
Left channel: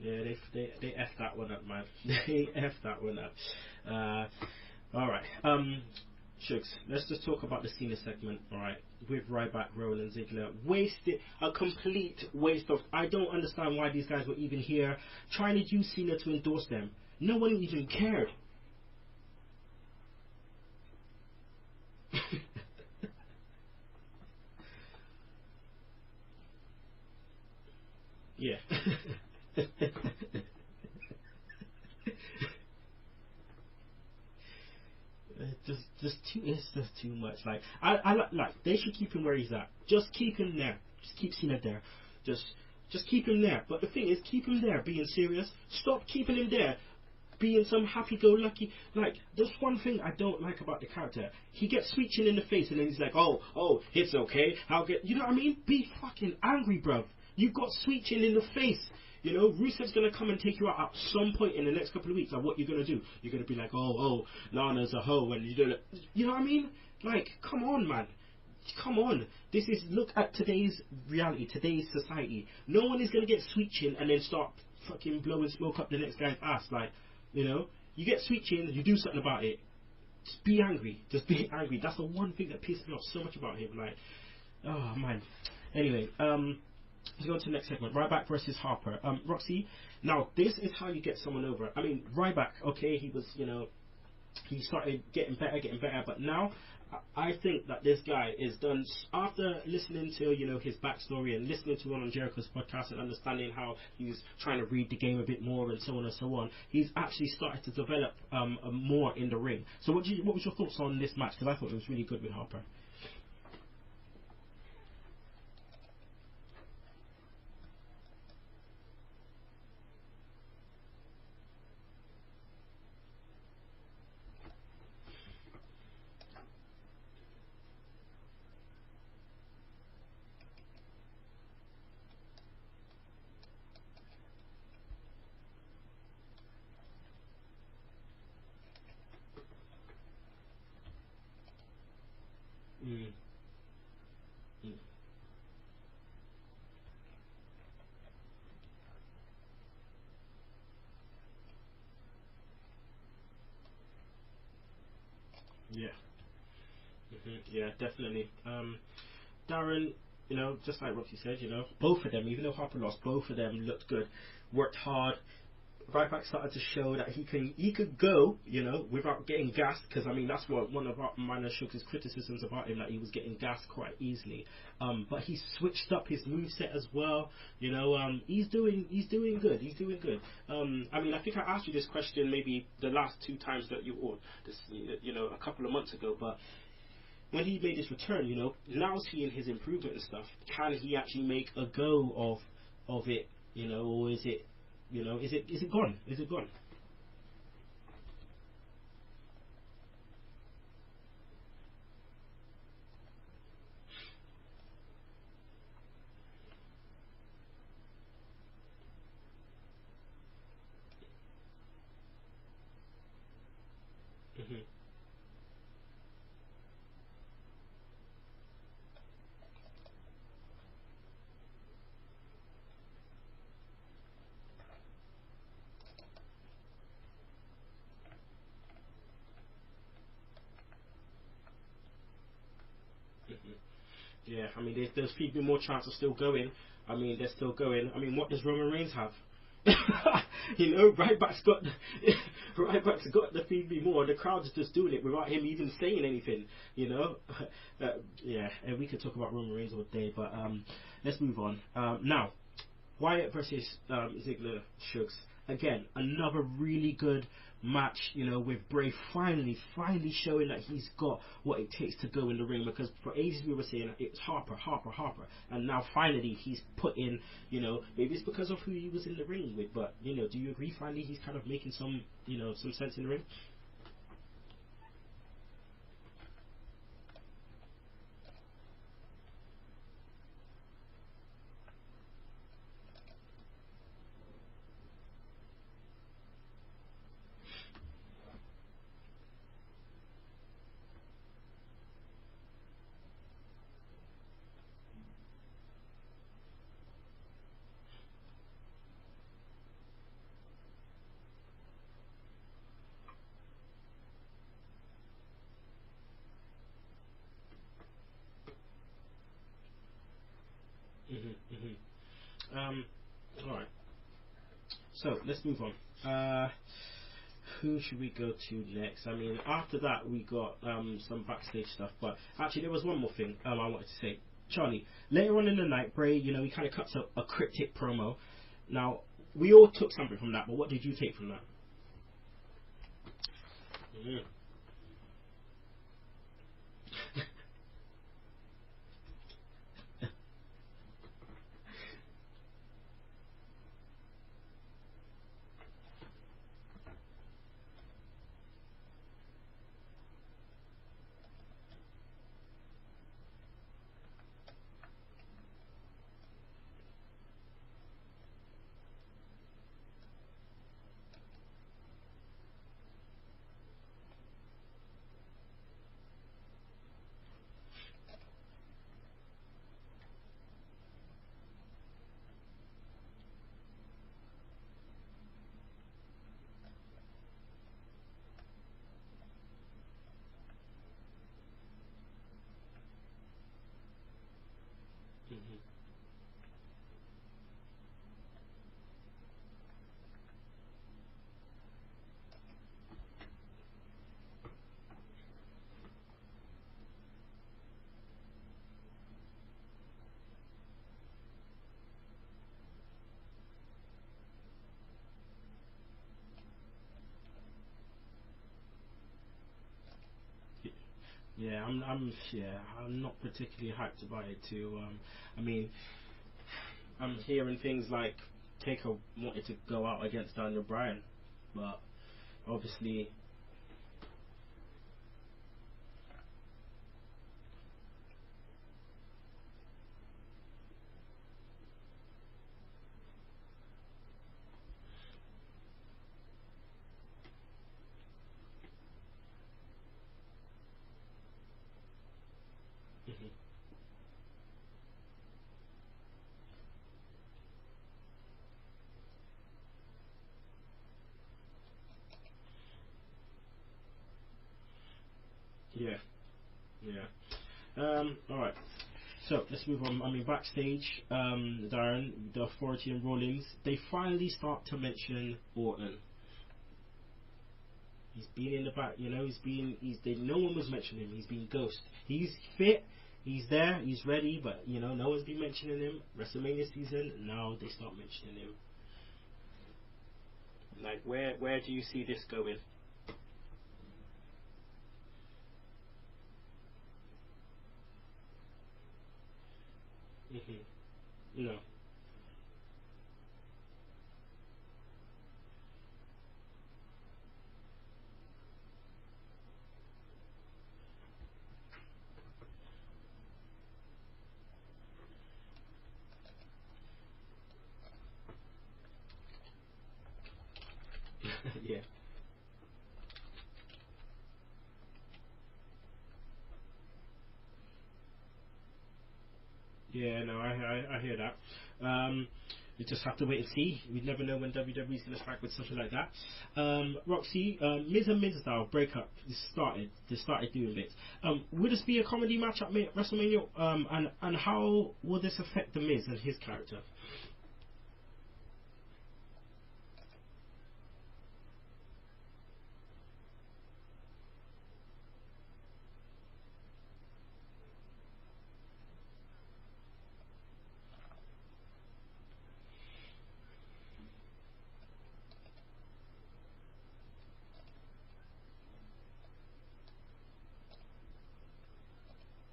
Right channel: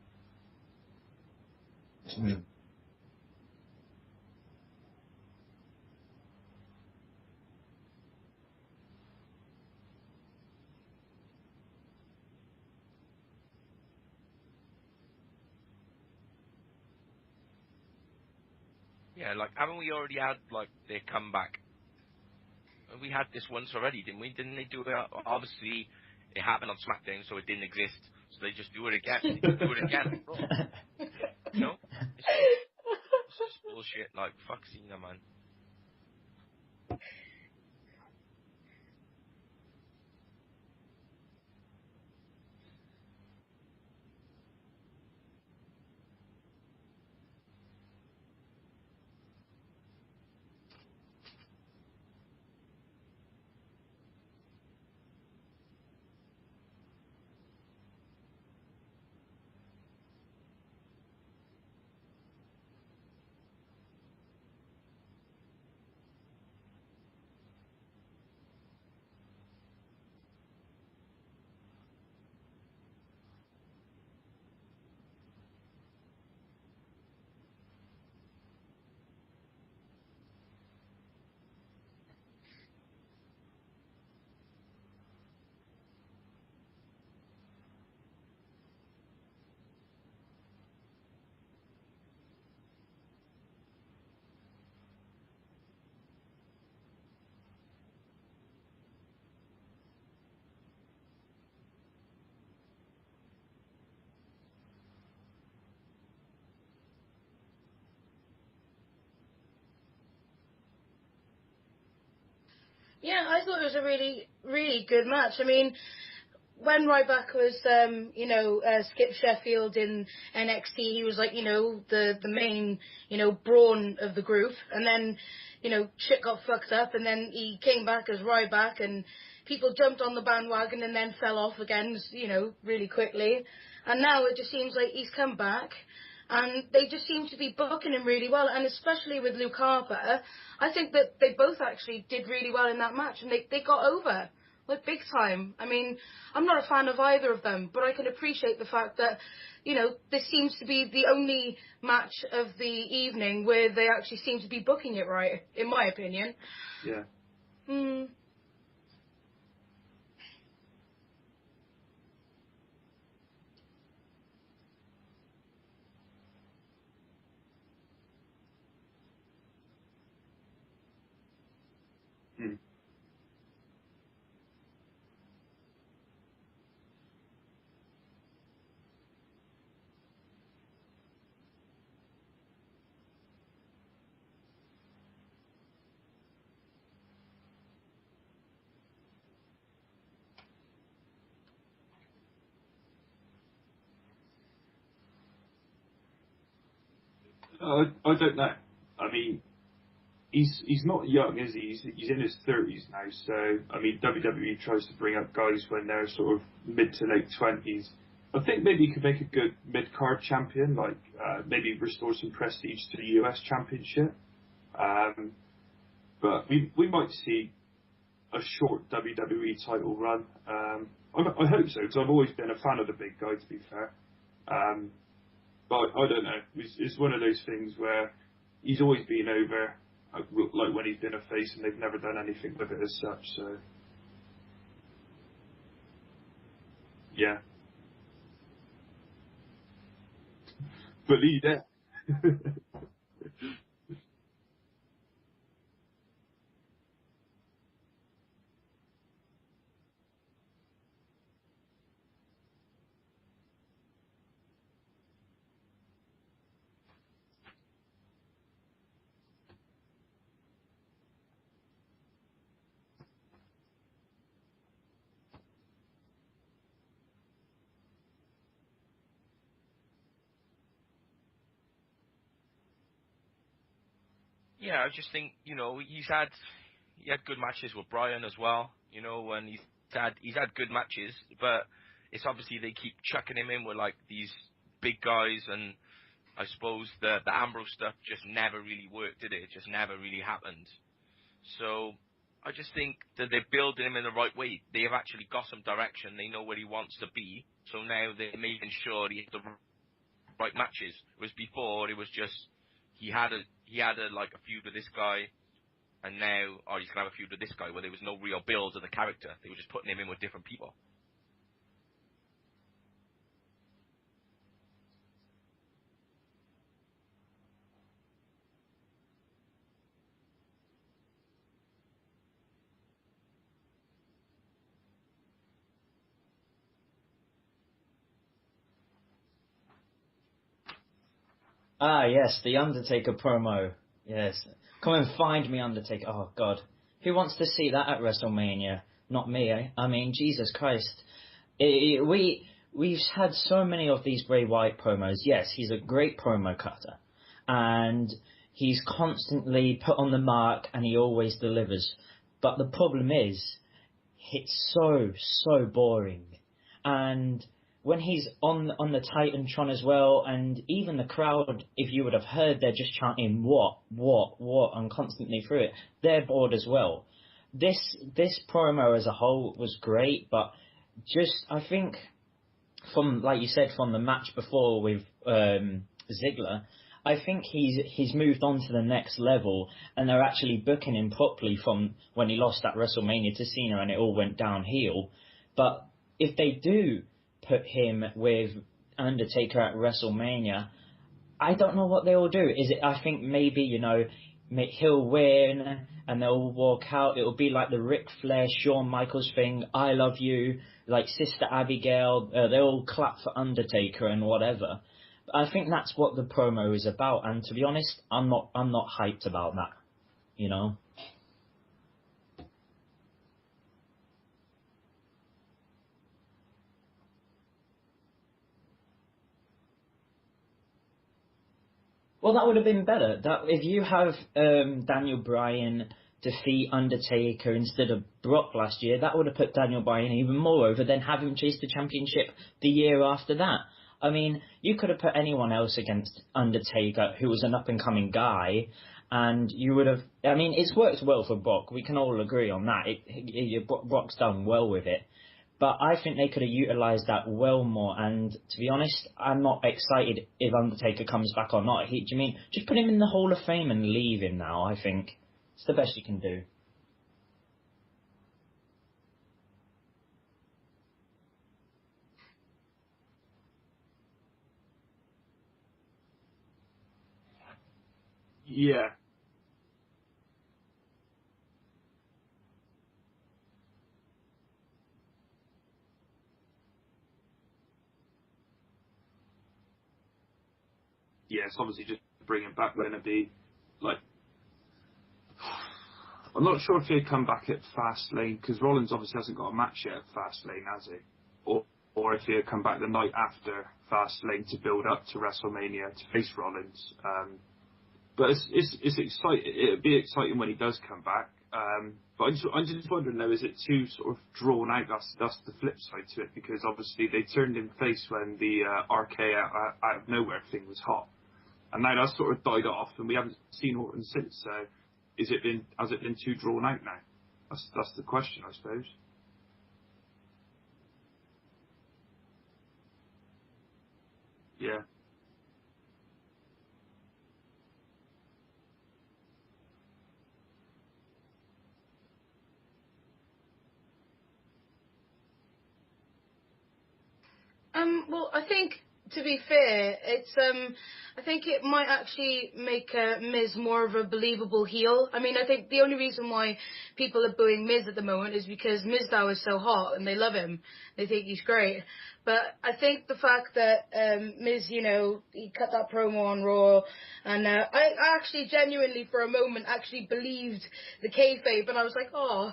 Yeah, they effed that one up, man. They effed that one up. All right, Shugs, let's just talk about the Cena segment. All right, with Ryback, Rollins, Ziggler, a complete waste of. I don't understand why these guys were even here, trying to use Cena to endorse them. No one even cared. Yeah, haven't we already had their comeback? We had this once already, didn't we? Didn't they do it? Obviously, it happened on Smackdown, so it didn't exist. So they just do it again. Oh. Bullshit, fuck Cena, man. It's just too much. I they should keep him where he's at. Just keep him there. Just keep Cena there. Just keep him there. But the thing is, keep him there being serious. Stop keeping him there being some happy-go-lucky. There's one thing I don't like about the character. He gets Sweet Chin in the face, and then he's like, oh, it's okay. You know what I mean? Be fucking angry, bruv. You got Sweet Chin in the face. Rusev's going to come and take you out at some point in the next couple of weeks. What you're going to do? You're going to be like, oh, Lana's a hoe, and you know what I mean? Come on, man. Come on. Look at today's reality, today's society. No one is going to get Sweet Chin and then start fucking blowing smoke up the next guy's ass. You get Sweet Chin, you do something about it. Just be angry. Just be angry. That's the one thing that pissed me off so much about him. Oh, man. Anyway, let's go on to the next segment. Ryback versus Harper. Roxy, now this is how you get someone over. I mean, Ryback, okay, he was, he started getting better, but now I think that this guy is done, after listening to, his backstory and listening to one on Jericho's podcast and understanding how he's trying to read the game a bit more and so on and so on, he's actually started to develop more in the ring. So what was your thoughts on this match? Because I thought it was really good with Harper. Yeah, I thought it was a really, really good match. I mean, when Ryback was, Skip Sheffield in NXT, he was the main, brawn of the group. And then, shit got fucked up, and then he came back as Ryback and people jumped on the bandwagon and then fell off again, really quickly. And now it just seems like he's come back, and they just seem to be booking him really well. And especially with Luke Harper, I think that they both actually did really well in that match, and they got over, like, big time. I mean, I'm not a fan of either of them, but I can appreciate the fact that, this seems to be the only match of the evening where they actually seem to be booking it right, in my opinion. Yeah. Yeah, definitely. Darren, just like Roxy said, both of them, even though Harper lost, both of them looked good, worked hard. Ryback started to show that he could go, without getting gassed, because I mean that's what one of Minor Sugar's criticisms about him, that he was getting gassed quite easily. But he switched up his moveset as well. He's doing good. He's doing good. I mean, I think I asked you this question maybe the last two times that a couple of months ago, but when he made his return, now seeing his improvement and stuff, can he actually make a go of it, or is it? Is it gone? Is it gone? I don't know. I mean, he's not young, is he? He's in his 30s now. So I mean, WWE tries to bring up guys when they're sort of mid to late 20s. I think maybe he could make a good mid-card champion, like maybe restore some prestige to the US Championship. But we might see a short WWE title run. I hope so, because I've always been a fan of the big guy, to be fair. But I don't know. It's one of those things where he's always been over, like when he's been a face, and they've never done anything with it as such. So yeah, I mean, there's people more chance of still going. I mean, they're still going. I mean, what does Roman Reigns have? Ryback's got the Feed Me More. The crowd's just doing it without him even saying anything. And we could talk about Roman Reigns all day, but let's move on. Now, Wyatt versus Ziggler, Shugs. Again, another really good match, with Bray finally showing that he's got what it takes to go in the ring, because for ages we were saying it's Harper, and now finally he's put in, maybe it's because of who he was in the ring with, but, do you agree finally he's kind of making some sense in the ring? Yeah, I just think, he had good matches with Bryan as well, and he's had good matches, but it's obviously they keep chucking him in with like these big guys, and I suppose the Ambrose stuff just never really worked, did it? It just never really happened. So I just think that they're building him in the right way. They have actually got some direction. They know where he wants to be. So now they're making sure he has the right matches. Whereas before it was just he had a feud with this guy, and now he's gonna have a feud with this guy, where there was no real build of the character. They were just putting him in with different people. Alright. So, let's move on. Who should we go to next? I mean, after that we got some backstage stuff, but actually there was one more thing I wanted to say. Charlie, later on in the night, Bray, he kind of cuts a cryptic promo. Now, we all took something from that, but what did you take from that? Ah, yes, the Undertaker promo. Yes. Come and find me, Undertaker. Oh, God. Who wants to see that at WrestleMania? Not me, eh? I mean, Jesus Christ. We've had so many of these Bray Wyatt promos. Yes, he's a great promo cutter, and he's constantly put on the mark, and he always delivers. But the problem is, it's so boring. And when he's on the Titantron as well, and even the crowd, if you would have heard, they're just chanting what, and constantly through it. They're bored as well. This promo as a whole was great, but I think, from, like you said, from the match before with Ziggler, I think he's moved on to the next level, and they're actually booking him properly from when he lost at WrestleMania to Cena and it all went downhill. But if they do put him with Undertaker at WrestleMania, I don't know what they will do. I think maybe, he'll win and they'll walk out. It'll be like the Ric Flair, Shawn Michaels thing, I love you, like Sister Abigail, they'll clap for Undertaker and whatever. I think that's what the promo is about, and to be honest, I'm not hyped about that, Yeah, I'm not particularly hyped about it too. I mean, I'm hearing things like Taker wanted to go out against Daniel Bryan, but well, that would have been better. That if you have Daniel Bryan defeat Undertaker instead of Brock last year, that would have put Daniel Bryan even more over than have him chase the championship the year after that. I mean, you could have put anyone else against Undertaker who was an up-and-coming guy, and you would have... I mean, it's worked well for Brock. We can all agree on that. Brock's done well with it. But I think they could have utilised that well more, and to be honest, I'm not excited if Undertaker comes back or not. Do you mean just put him in the Hall of Fame and leave him now, I think. It's the best you can do. Yeah. Alright. So, let's move on. I mean, backstage, Darren, the Authority and Rollins, they finally start to mention Orton. He's being, no one was mentioning him. He's being ghost. He's fit. He's there, he's ready, but no one's been mentioning him. WrestleMania season, now they start mentioning him. Like where do you see this bring going? Him back going to be like? I'm not sure if he'd come back at Fastlane because Rollins obviously hasn't got a match yet at Fastlane, has he? No. Or if he'd come back the night after Fastlane to build up to WrestleMania to face Rollins. But it's exciting. It'd be exciting when he does come back. But I'm just wondering though, is it too sort of drawn out? That's the flip side to it, because obviously they turned him face when the RK out of nowhere thing was hot, and now that's sort of died off, and we haven't seen Orton since. So, has it been too drawn out now? That's the question, I suppose. Yeah, no, I hear that. We just have to wait and see. We never know when WWE's going to strike with something like that. Roxy, Miz and Mizdow breakup. They started doing bits. Will this be a comedy match at WrestleMania? And how will this affect the Miz and his character? Well, I think, to be fair, it's I think it might actually make Miz more of a believable heel. I mean, I think the only reason why people are booing Miz at the moment is because Mizdow is so hot and they love him. They think he's great. But I think the fact that Miz, he cut that promo on Raw, and I actually genuinely, for a moment, actually believed the kayfabe, and I was like, oh,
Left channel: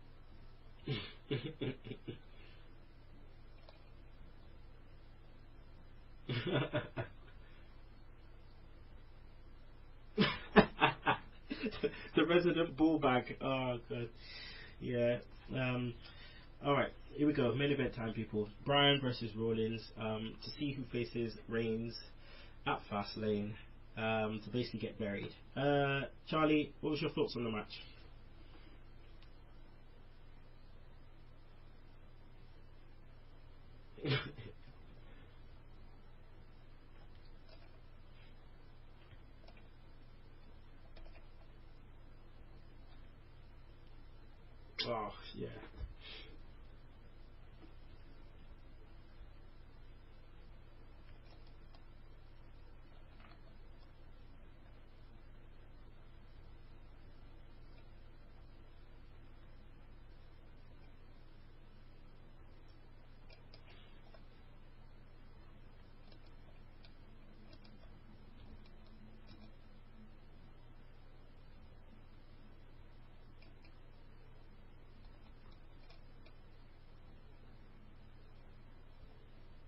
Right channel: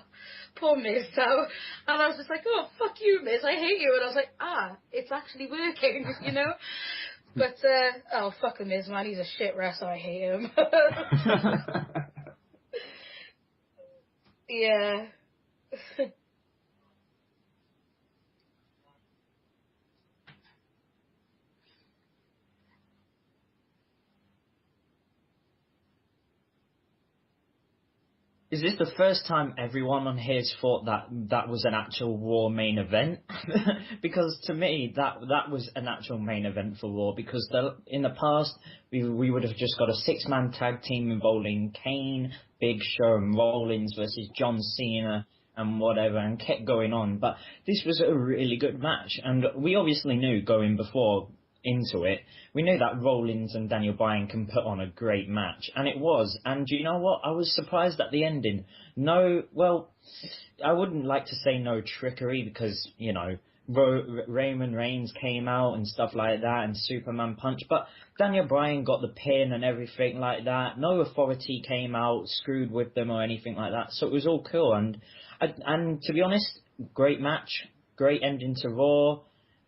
poor Miz. And I was just like, oh, fuck you, Miz, I hate you. And I was like, it's actually working, But, fuck the Miz, man, he's a shit wrestler, I hate him. The resident bullbag. Oh, good. Yeah. Alright. Here we go, main event time, people. Bryan versus Rollins to see who faces Reigns at Fastlane to basically get buried. Charlie, what was your thoughts on the match? Is this the first time everyone on here's thought that was an actual Raw main event? Because to me, that was an actual main event for Raw, because in the past, we would have just got a 6-man tag team involving Kane, Big Show and Rollins versus John Cena and whatever, and kept going on. But this was a really good match, and we obviously knew going into it, we knew that Rollins and Daniel Bryan can put on a great match, and it was. And you know what? I was surprised at the ending. I wouldn't like to say no trickery, because, Roman Reigns came out and stuff like that, and Superman Punch, but Daniel Bryan got the pin and everything like that. No Authority came out, screwed with them or anything like that, so it was all cool. And to be honest, great match, great ending to Raw.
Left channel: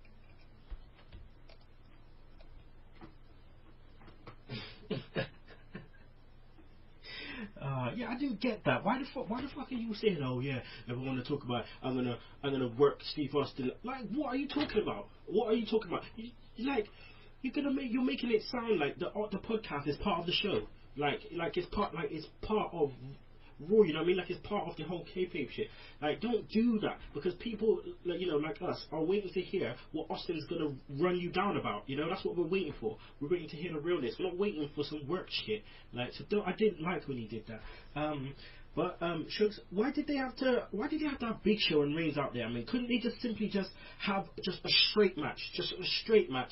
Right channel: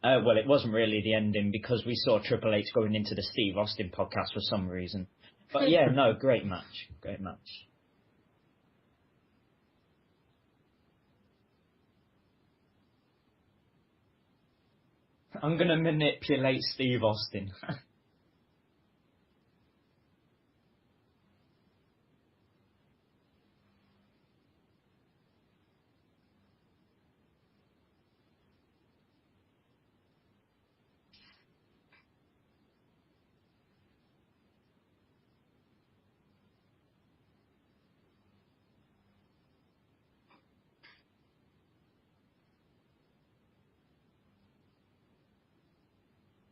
Well, it wasn't really the ending, because we saw Triple H going into the Steve Austin podcast for some reason. But yeah, no, great match. I didn't get that. Why the fuck are you saying, oh yeah, everyone to talk about, I'm gonna work Steve Austin? Like, what are you talking about? I'm gonna manipulate Steve Austin. You're making it sound like the podcast is part of the show. Like it's part of Raw, you know what I mean? Like it's part of the whole kayfabe shit. Like, don't do that, because people, like us, are waiting to hear what Austin's gonna run you down about. That's what we're waiting for. We're waiting to hear the realness. We're not waiting for some work shit. Like, so I didn't like when he did that. But Shugs, why did they have to have Big Show and Reigns out there? I mean, couldn't they just simply have a straight match? Just a straight match.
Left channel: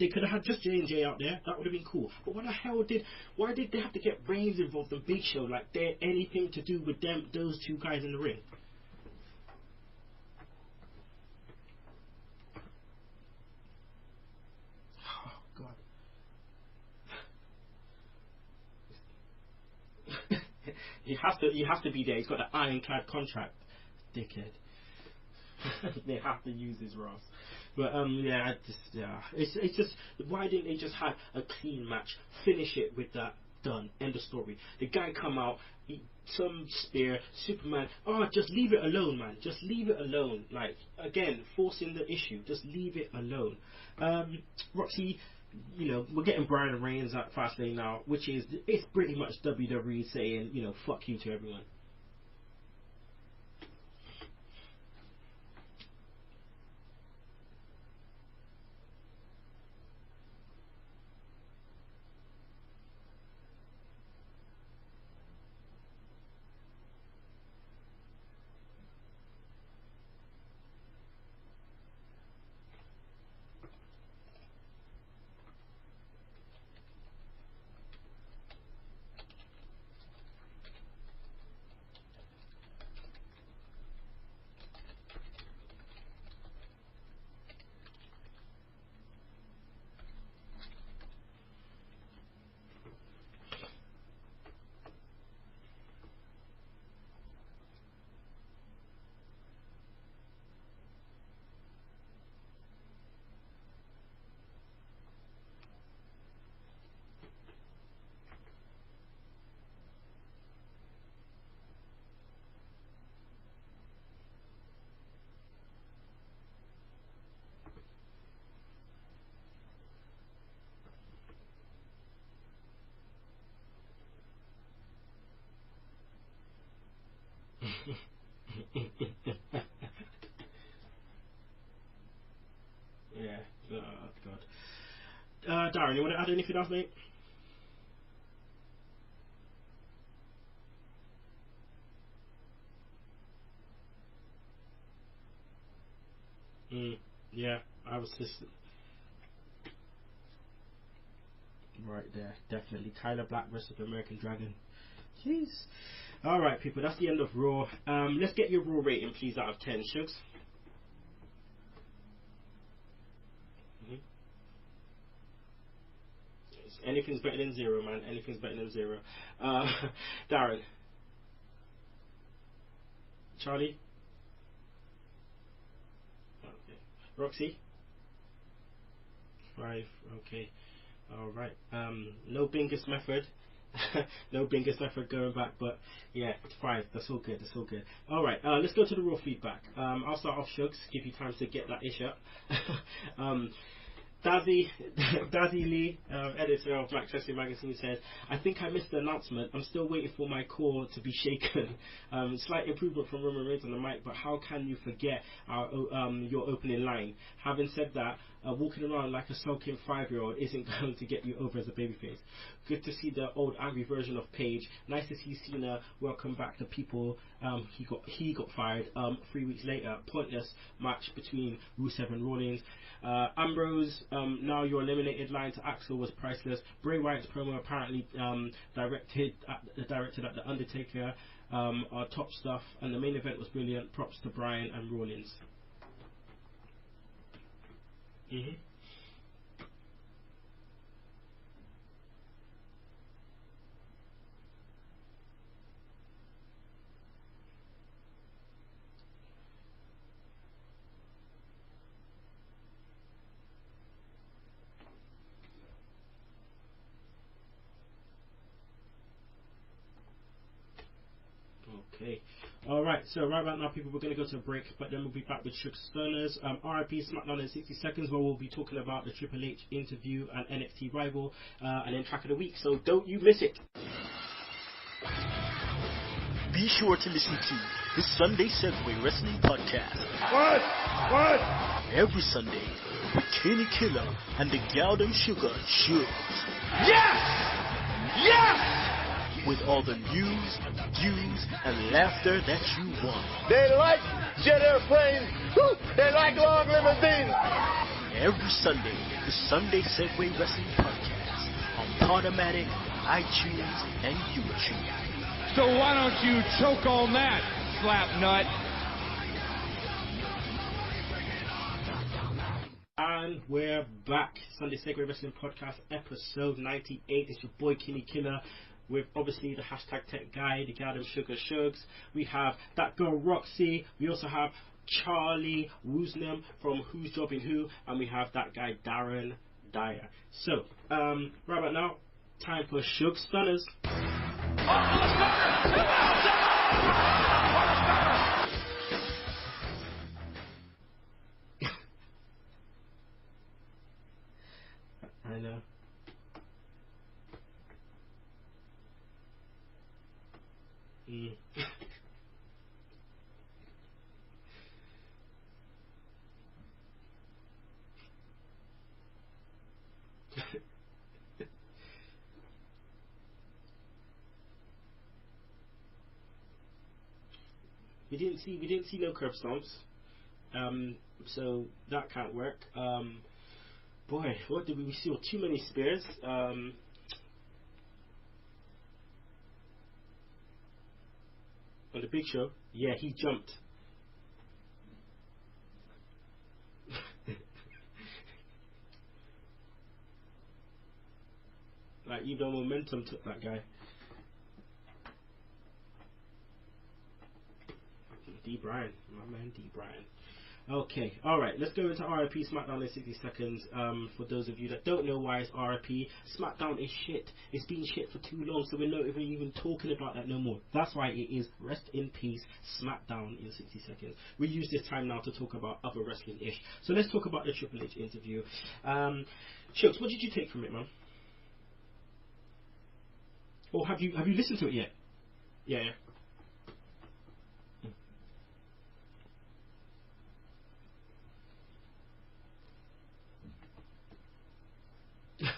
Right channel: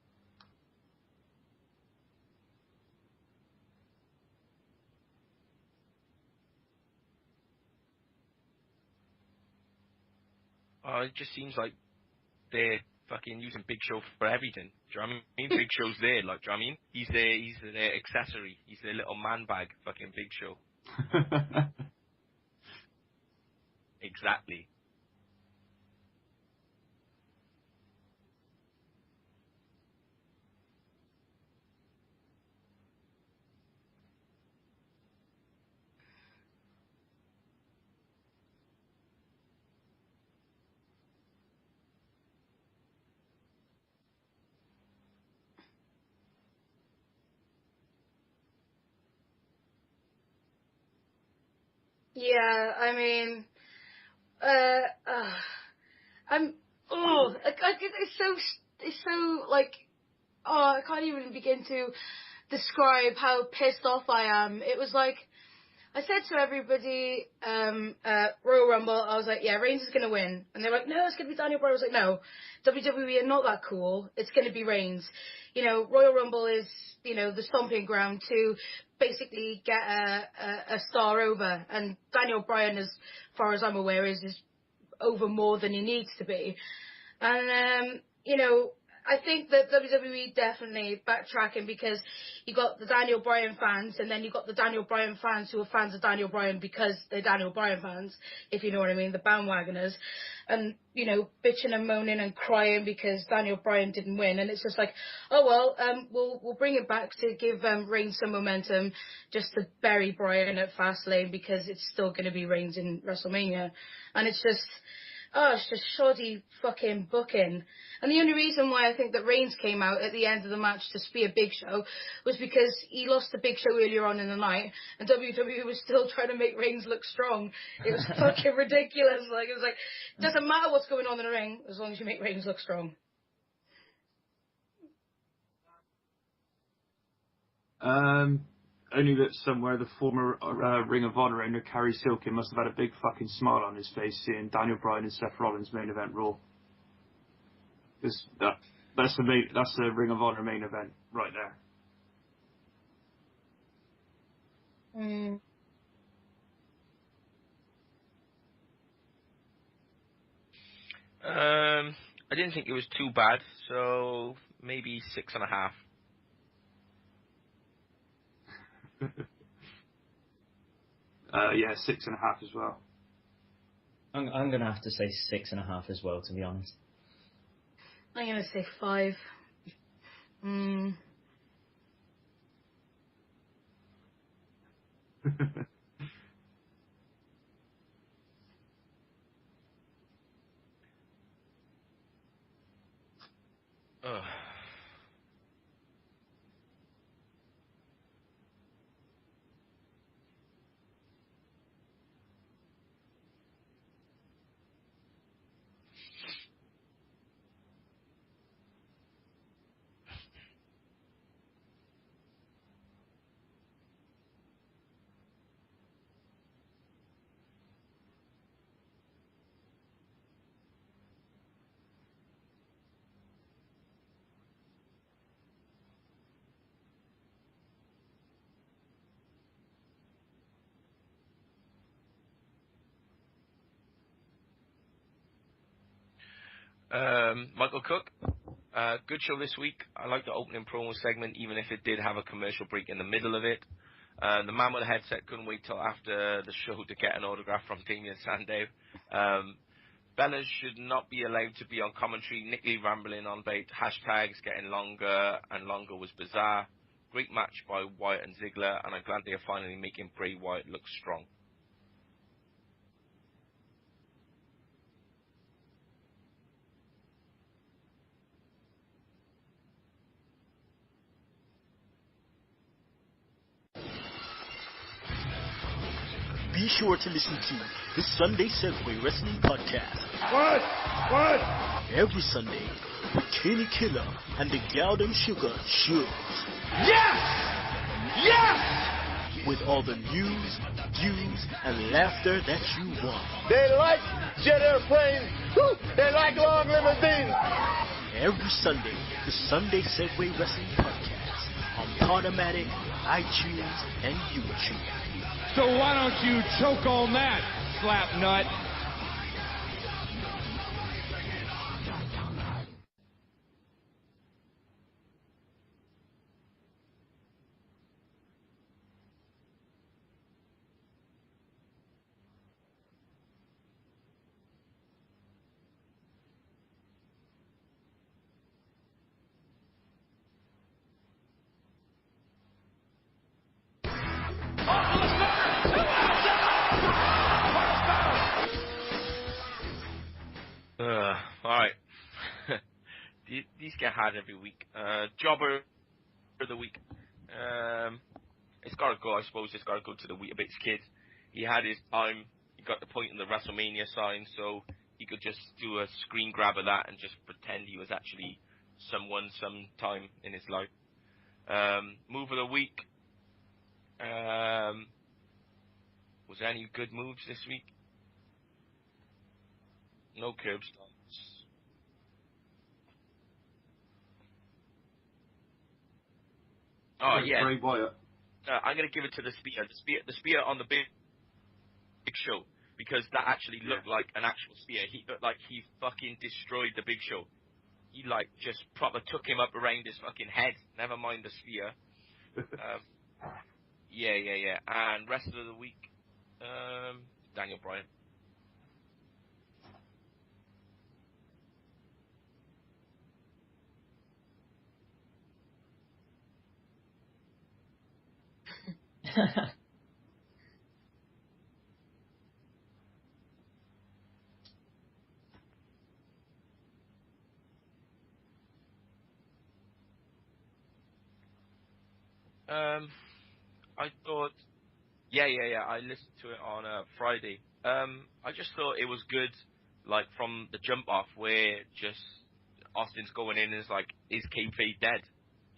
They could have had just J&J out there. That would have been cool. But why did they have to get Reigns involved in Big Show? Like they're anything to do with those two guys in the ring? It just seems like they're fucking using Big Show for everything. Do you know what I mean? Big Show's there, like, do you know what I mean? He's their accessory. He's their little man bag, fucking Big Show. He has to be there. He's got an ironclad contract. Exactly. They have to use his Ross. But it's just, why didn't they just have a clean match, finish it with that done. End of story. The guy come out, some spear, Superman. Oh, just leave it alone, man. Just leave it alone. Like, again, forcing the issue. Just leave it alone. Roxy, you know, we're getting Bryan and Reigns at Fastlane now, which is, it's pretty much WWE saying, you know, fuck you to everyone. Yeah, I mean, it's so, like, I can't even begin to describe how pissed off I am. It was like, I said to everybody, Royal Rumble, I was like, yeah, Reigns is going to win. And they were like, no, it's going to be Daniel Bryan. I was like, no, WWE are not that cool. It's going to be Reigns. You know, Royal Rumble is, you know, the stomping ground to basically get a star over. And Daniel Bryan, as far as I'm aware, is over more than he needs to be. And, you know, I think that WWE definitely backtracking, because you got the Daniel Bryan fans, and then you got the Daniel Bryan fans who are fans of Daniel Bryan because they're Daniel Bryan fans, if you know what I mean, the bandwagoners, and, you know, bitching and moaning and crying because Daniel Bryan didn't win. And it's just like, oh well, we'll bring it back to give Reigns some momentum, just to bury Bryan at Fastlane, because it's still going to be Reigns in WrestleMania. And it's just, it's just shoddy fucking booking. And the only reason why I think that Reigns came out at the end of the match to spear Big Show was because he lost the Big Show earlier on in the night, and WWE was still trying to make Reigns look strong. It was fucking ridiculous. Like, it was like, it doesn't matter what's going on in the ring as long as you make Reigns look strong. Yeah. Oh, God. Darren, you want to add anything else, mate? Only that somewhere the former Ring of Honor owner, Kerry Silkin, must have had a big fucking smile on his face seeing Daniel Bryan and Seth Rollins main event Raw. Yeah, I was that's the Ring of Honor main event right there. Right there, definitely. Tyler Black versus the American Dragon. Please. All right, people, that's the end of Raw. Let's get your Raw rating, please, out of 10. Shugs? I didn't think it was too bad, so maybe 6.5. Anything's better than 0, man. Anything's better than 0. Darren? Yeah, 6.5 as well. Charlie? I'm going to have to say 6.5 as well, to be honest. Roxy? I'm going to say 5. 5, okay. All right. No Bingus method. No Bingus method going back, but yeah, 5. That's all good. That's all good. All right. Let's go to the Raw feedback. I'll start off, Shugs. Give you time to get that ish up. Dazzy Lee, editor of Black Chelsea Magazine, says, I think I missed the announcement. I'm still waiting for my core to be shaken. Slight improvement from Roman Reigns on the mic, but how can you forget your opening line? Having said that, walking around like a sulking 5-year-old isn't going to get you over as a babyface. Good to see the old angry version of Paige. Nice to see Cena welcome back the people he got fired 3 weeks later. Pointless match between Rusev and Rollins. Ambrose, now your eliminated line to Axel was priceless. Bray Wyatt's promo apparently directed at the Undertaker are top stuff, and the main event was brilliant. Props to Bryan and Rollins. Michael Cook, good show this week. I like the opening promo segment, even if it did have a commercial break in the middle of it. The man with the headset couldn't wait till after the show to get an autograph from Damien Sandow. Bellas should not be allowed to be on commentary. Nick Lee rambling on about hashtags getting longer and longer was bizarre. Great match by Wyatt and Ziggler, and I'm glad they are finally making Bray Wyatt look strong. Okay. Alright, so right about now, people, we're going to go to a break, but then we'll be back with Sugs Stunners. RIP Smackdown in 60 seconds, where we'll be talking about the Triple H interview and NXT rival, and then track of the week, so don't you miss it. Be sure to listen to the Sunday Segue Wrestling Podcast. What? Every Sunday with Kinny, Killa, and the Galdem Sugar Sugs. Yes! With all the news, views, and laughter that you want. They like jet airplanes. They like long limousines. Every Sunday, the Sunday Segue Wrestling Podcast on Podomatic, iTunes, and YouTube. So why don't you choke on that, slap nut? And we're back. Sunday Segue Wrestling Podcast, episode 98. It's your boy Kinny Killa, with obviously the hashtag Tech Guy, the Galdem Sugar Shugs. We have that girl Roxy. We also have Charlie Woosnam from Who's Jobbing Who, and we have that guy Darren Dyer. So, right about now, Time for Sugs Stunners. Alright. These get hard every week. Jobber for the week. It's got to go, I suppose. It's got to go to the Weetabix kid. He had his time. He got the point in the WrestleMania sign, so he could just do a screen grab of that and just pretend he was actually someone sometime in his life. Move of the week. Was there any good moves this week? We didn't see no curb stomps. No curb stomps. So that can't work. Boy, what did we see? Too many spears. Bray Wyatt. I'm gonna give it to the spear. The spear on the big show. Yeah, because that actually looked like an actual spear. He looked like he fucking destroyed the Big Show. He like just proper took him up around his fucking head. Never mind the spear. Like even momentum took that guy. Yeah. And rest of the week, Daniel Bryan. Bryan, my man Bryan. Okay, alright, let's go into RIP Smackdown in 60 seconds. For those of you that don't know why it's RIP, Smackdown is shit. It's been shit for too long, so we're not even talking about that no more. That's why it is Rest in Peace Smackdown in 60 seconds. We use this time now to talk about other wrestling-ish. So let's talk about the Triple H interview. Shucks, what did you take from it, man? Or have you listened to it yet? Yeah. I listened to it on Friday. I just thought it was good. Like from the jump off, where just Austin's going in and is like, is kayfabe dead?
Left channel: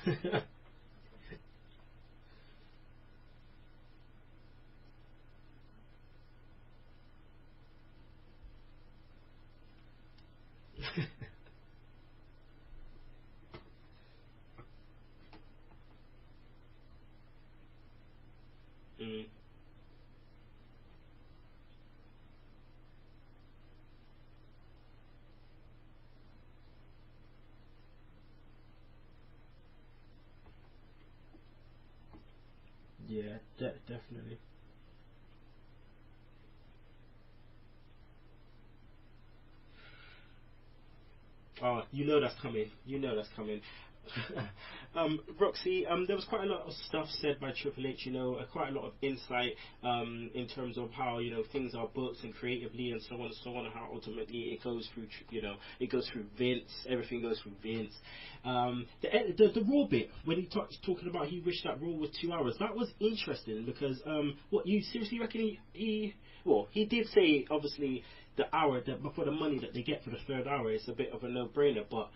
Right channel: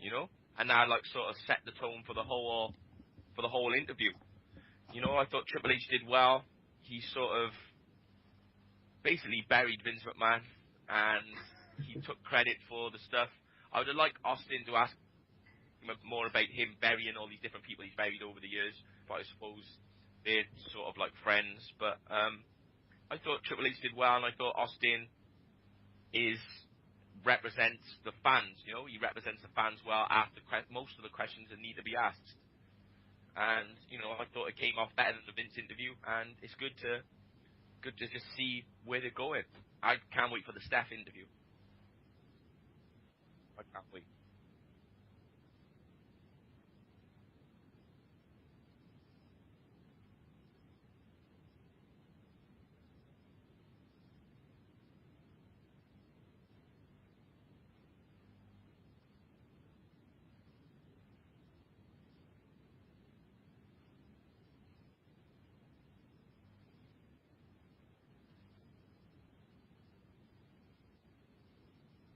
You know, and that like sort of set the tone for the whole interview. You know, I thought Triple H did well. He sort of basically buried Vince McMahon, and he took credit for the stuff. I would have liked Austin to ask more about him burying all these different people he's buried over the years. But I suppose they're sort of like friends, but I thought Triple H did well, and I thought Austin represents the fans. You know, he represents the fans well after most of the questions that need to be asked. Yeah, and you know, I thought it came off better than the Vince interview, and it's good to just see where they're going. I can't wait for the Steph interview. Oh, you know that's coming. Roxy, there was quite a lot of stuff said by Triple H, you know, quite a lot of insight in terms of how, you know, things are booked and creatively and so on, and how ultimately it goes through, you know, it goes through Vince, everything goes through Vince. The Raw bit, when he talking about he wished that Raw was 2 hours, that was interesting because, what, you seriously reckon he did say, obviously, the hour for the money that they get for the third hour, it's a bit of a no-brainer, but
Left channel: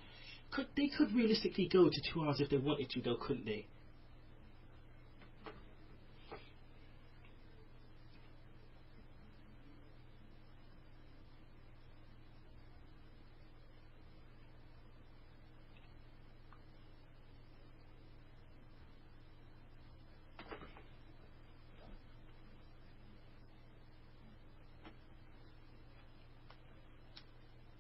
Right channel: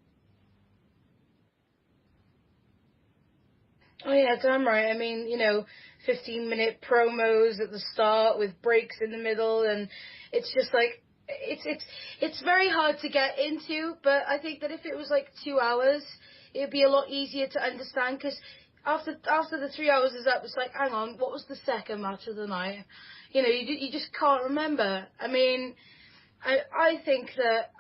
they could realistically go to 2 hours if they wanted to, though, couldn't they? Oh yeah, damn right. I mean, you know, 15-minute promos at the start with breaks in the middle, and it's just like it's very hard to get into. But I think that if it was like 2 hours, it'd be a lot easier to understand, because after the 3 hours is up, it's like, hang on, what was the second match of the night? You know, you just can't remember. I mean, I think that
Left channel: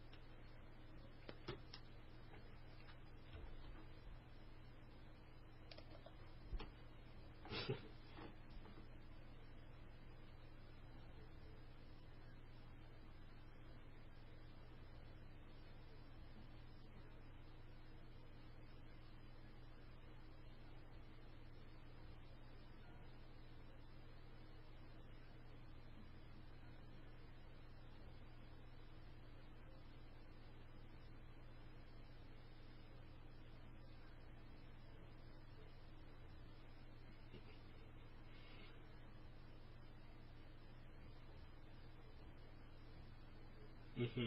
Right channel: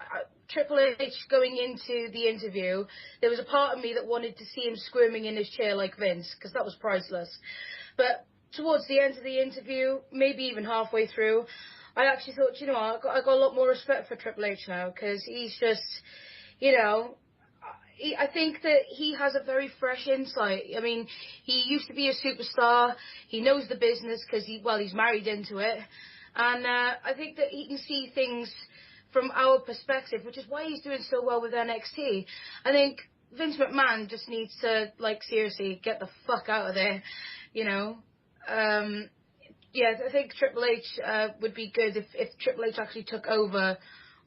Triple H going into the interview, there was a part of me that wanted to see him squirming in his chair like Vince, because that was priceless. But towards the end of the interview, maybe even halfway through, I actually thought, you know what, I got a lot more respect for Triple H now, because he's just, you know, I think that he has a very fresh insight. I mean, he used to be a superstar. He knows the business because he's married into it. And I think that he can see things from our perspective, which is why he's doing so well with NXT. I think Vince McMahon just needs to, like, seriously get the fuck out of there, you know. Yeah, I think Triple H would be good if Triple H actually took over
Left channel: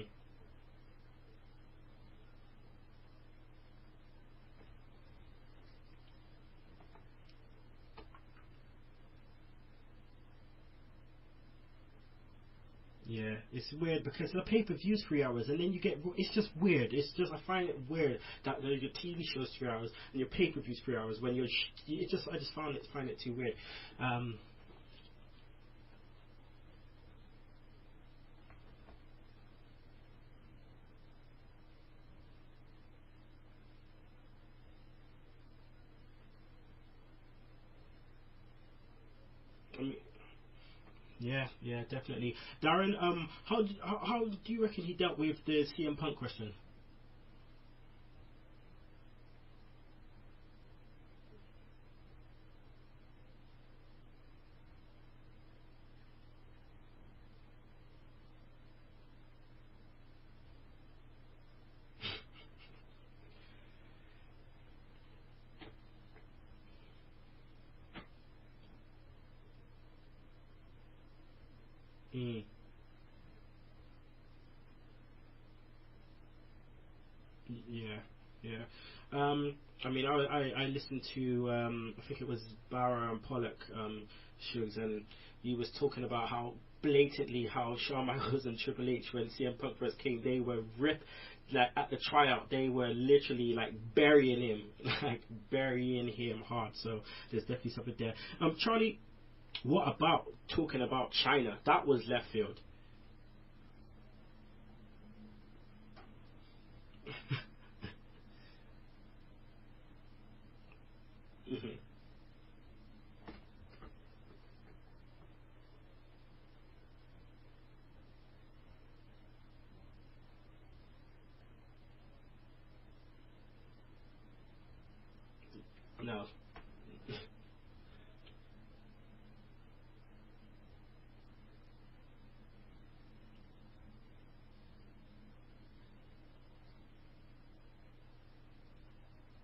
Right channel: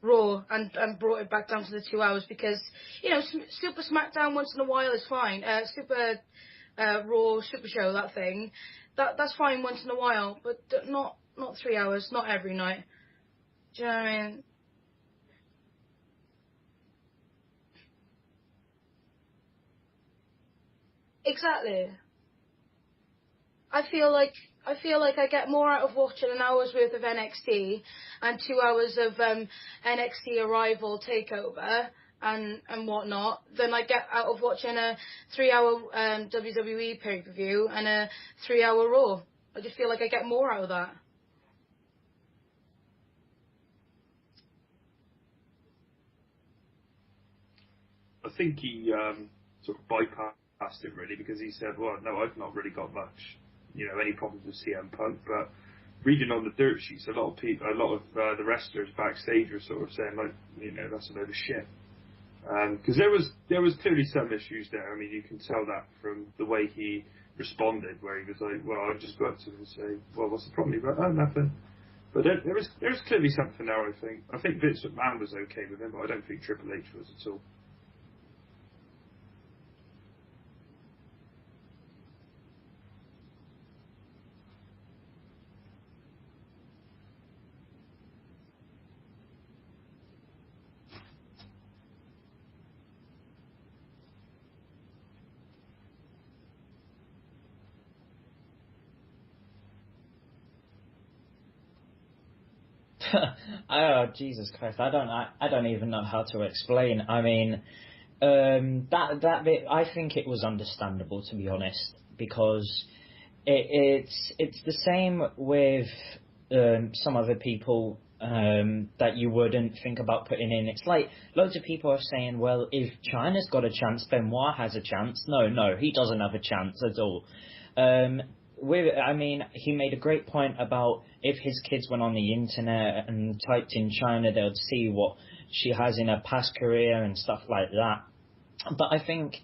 Raw and brought it back down to the 2 hours, because, you know, Super Smackdown once in a while is fine. Super Raw, Super Show, that thing, that's fine once in a while, but not 3 hours, not every night. Yeah, it's weird because the pay-per-view's 3 hours, and then you get, it's just weird. It's just, I find it weird that your TV show's 3 hours and your pay-per-view's 3 hours. Exactly. I just find it too weird. I feel like I get more out of watching an hour's worth of NXT and 2 hours of NXT Arrival Takeover and whatnot than I get out of watching a 3 hour WWE pay-per-view and a 3 hour Raw. I just feel like I get more out of that. Yeah, definitely. Darren, how do you reckon he dealt with the CM Punk question? I think he sort of bypassed asked him really, because he said, well, no, I've not really got much, any problems with CM Punk, but reading on the dirt sheets, a lot of the wrestlers backstage were sort of saying, like, that's a load of shit. Because there was clearly some issues there. I mean, you can tell that from the way he responded, where he was like, well, I'll just go up to him and say, well, what's the problem? He went, oh, nothing. But there's clearly something there, I think. I think Vince McMahon was okay with him, but I don't think Triple H was at all. Yeah. I mean, I listened to, I think it was Barra and Pollock, Shugs, and he was talking about how blatantly how Shawn Michaels and Triple H, when CM Punk first came, they were like at the tryout, they were literally like burying him hard. So there's definitely something there. Charlie, what about talking about China? That was left field. Oh, Jesus Christ! I don't even know how to explain. I mean, that bit, I think it was understandable, to be honest, because it's the same with some other people that you wouldn't think about putting in. It's like loads of people are saying, well, if China's got a chance, Benoit has a chance. No, he doesn't have a chance at all. I mean, he made a great point about if his kids went on the internet and typed in China, they'd see what she has in her past career and stuff like that. But I think,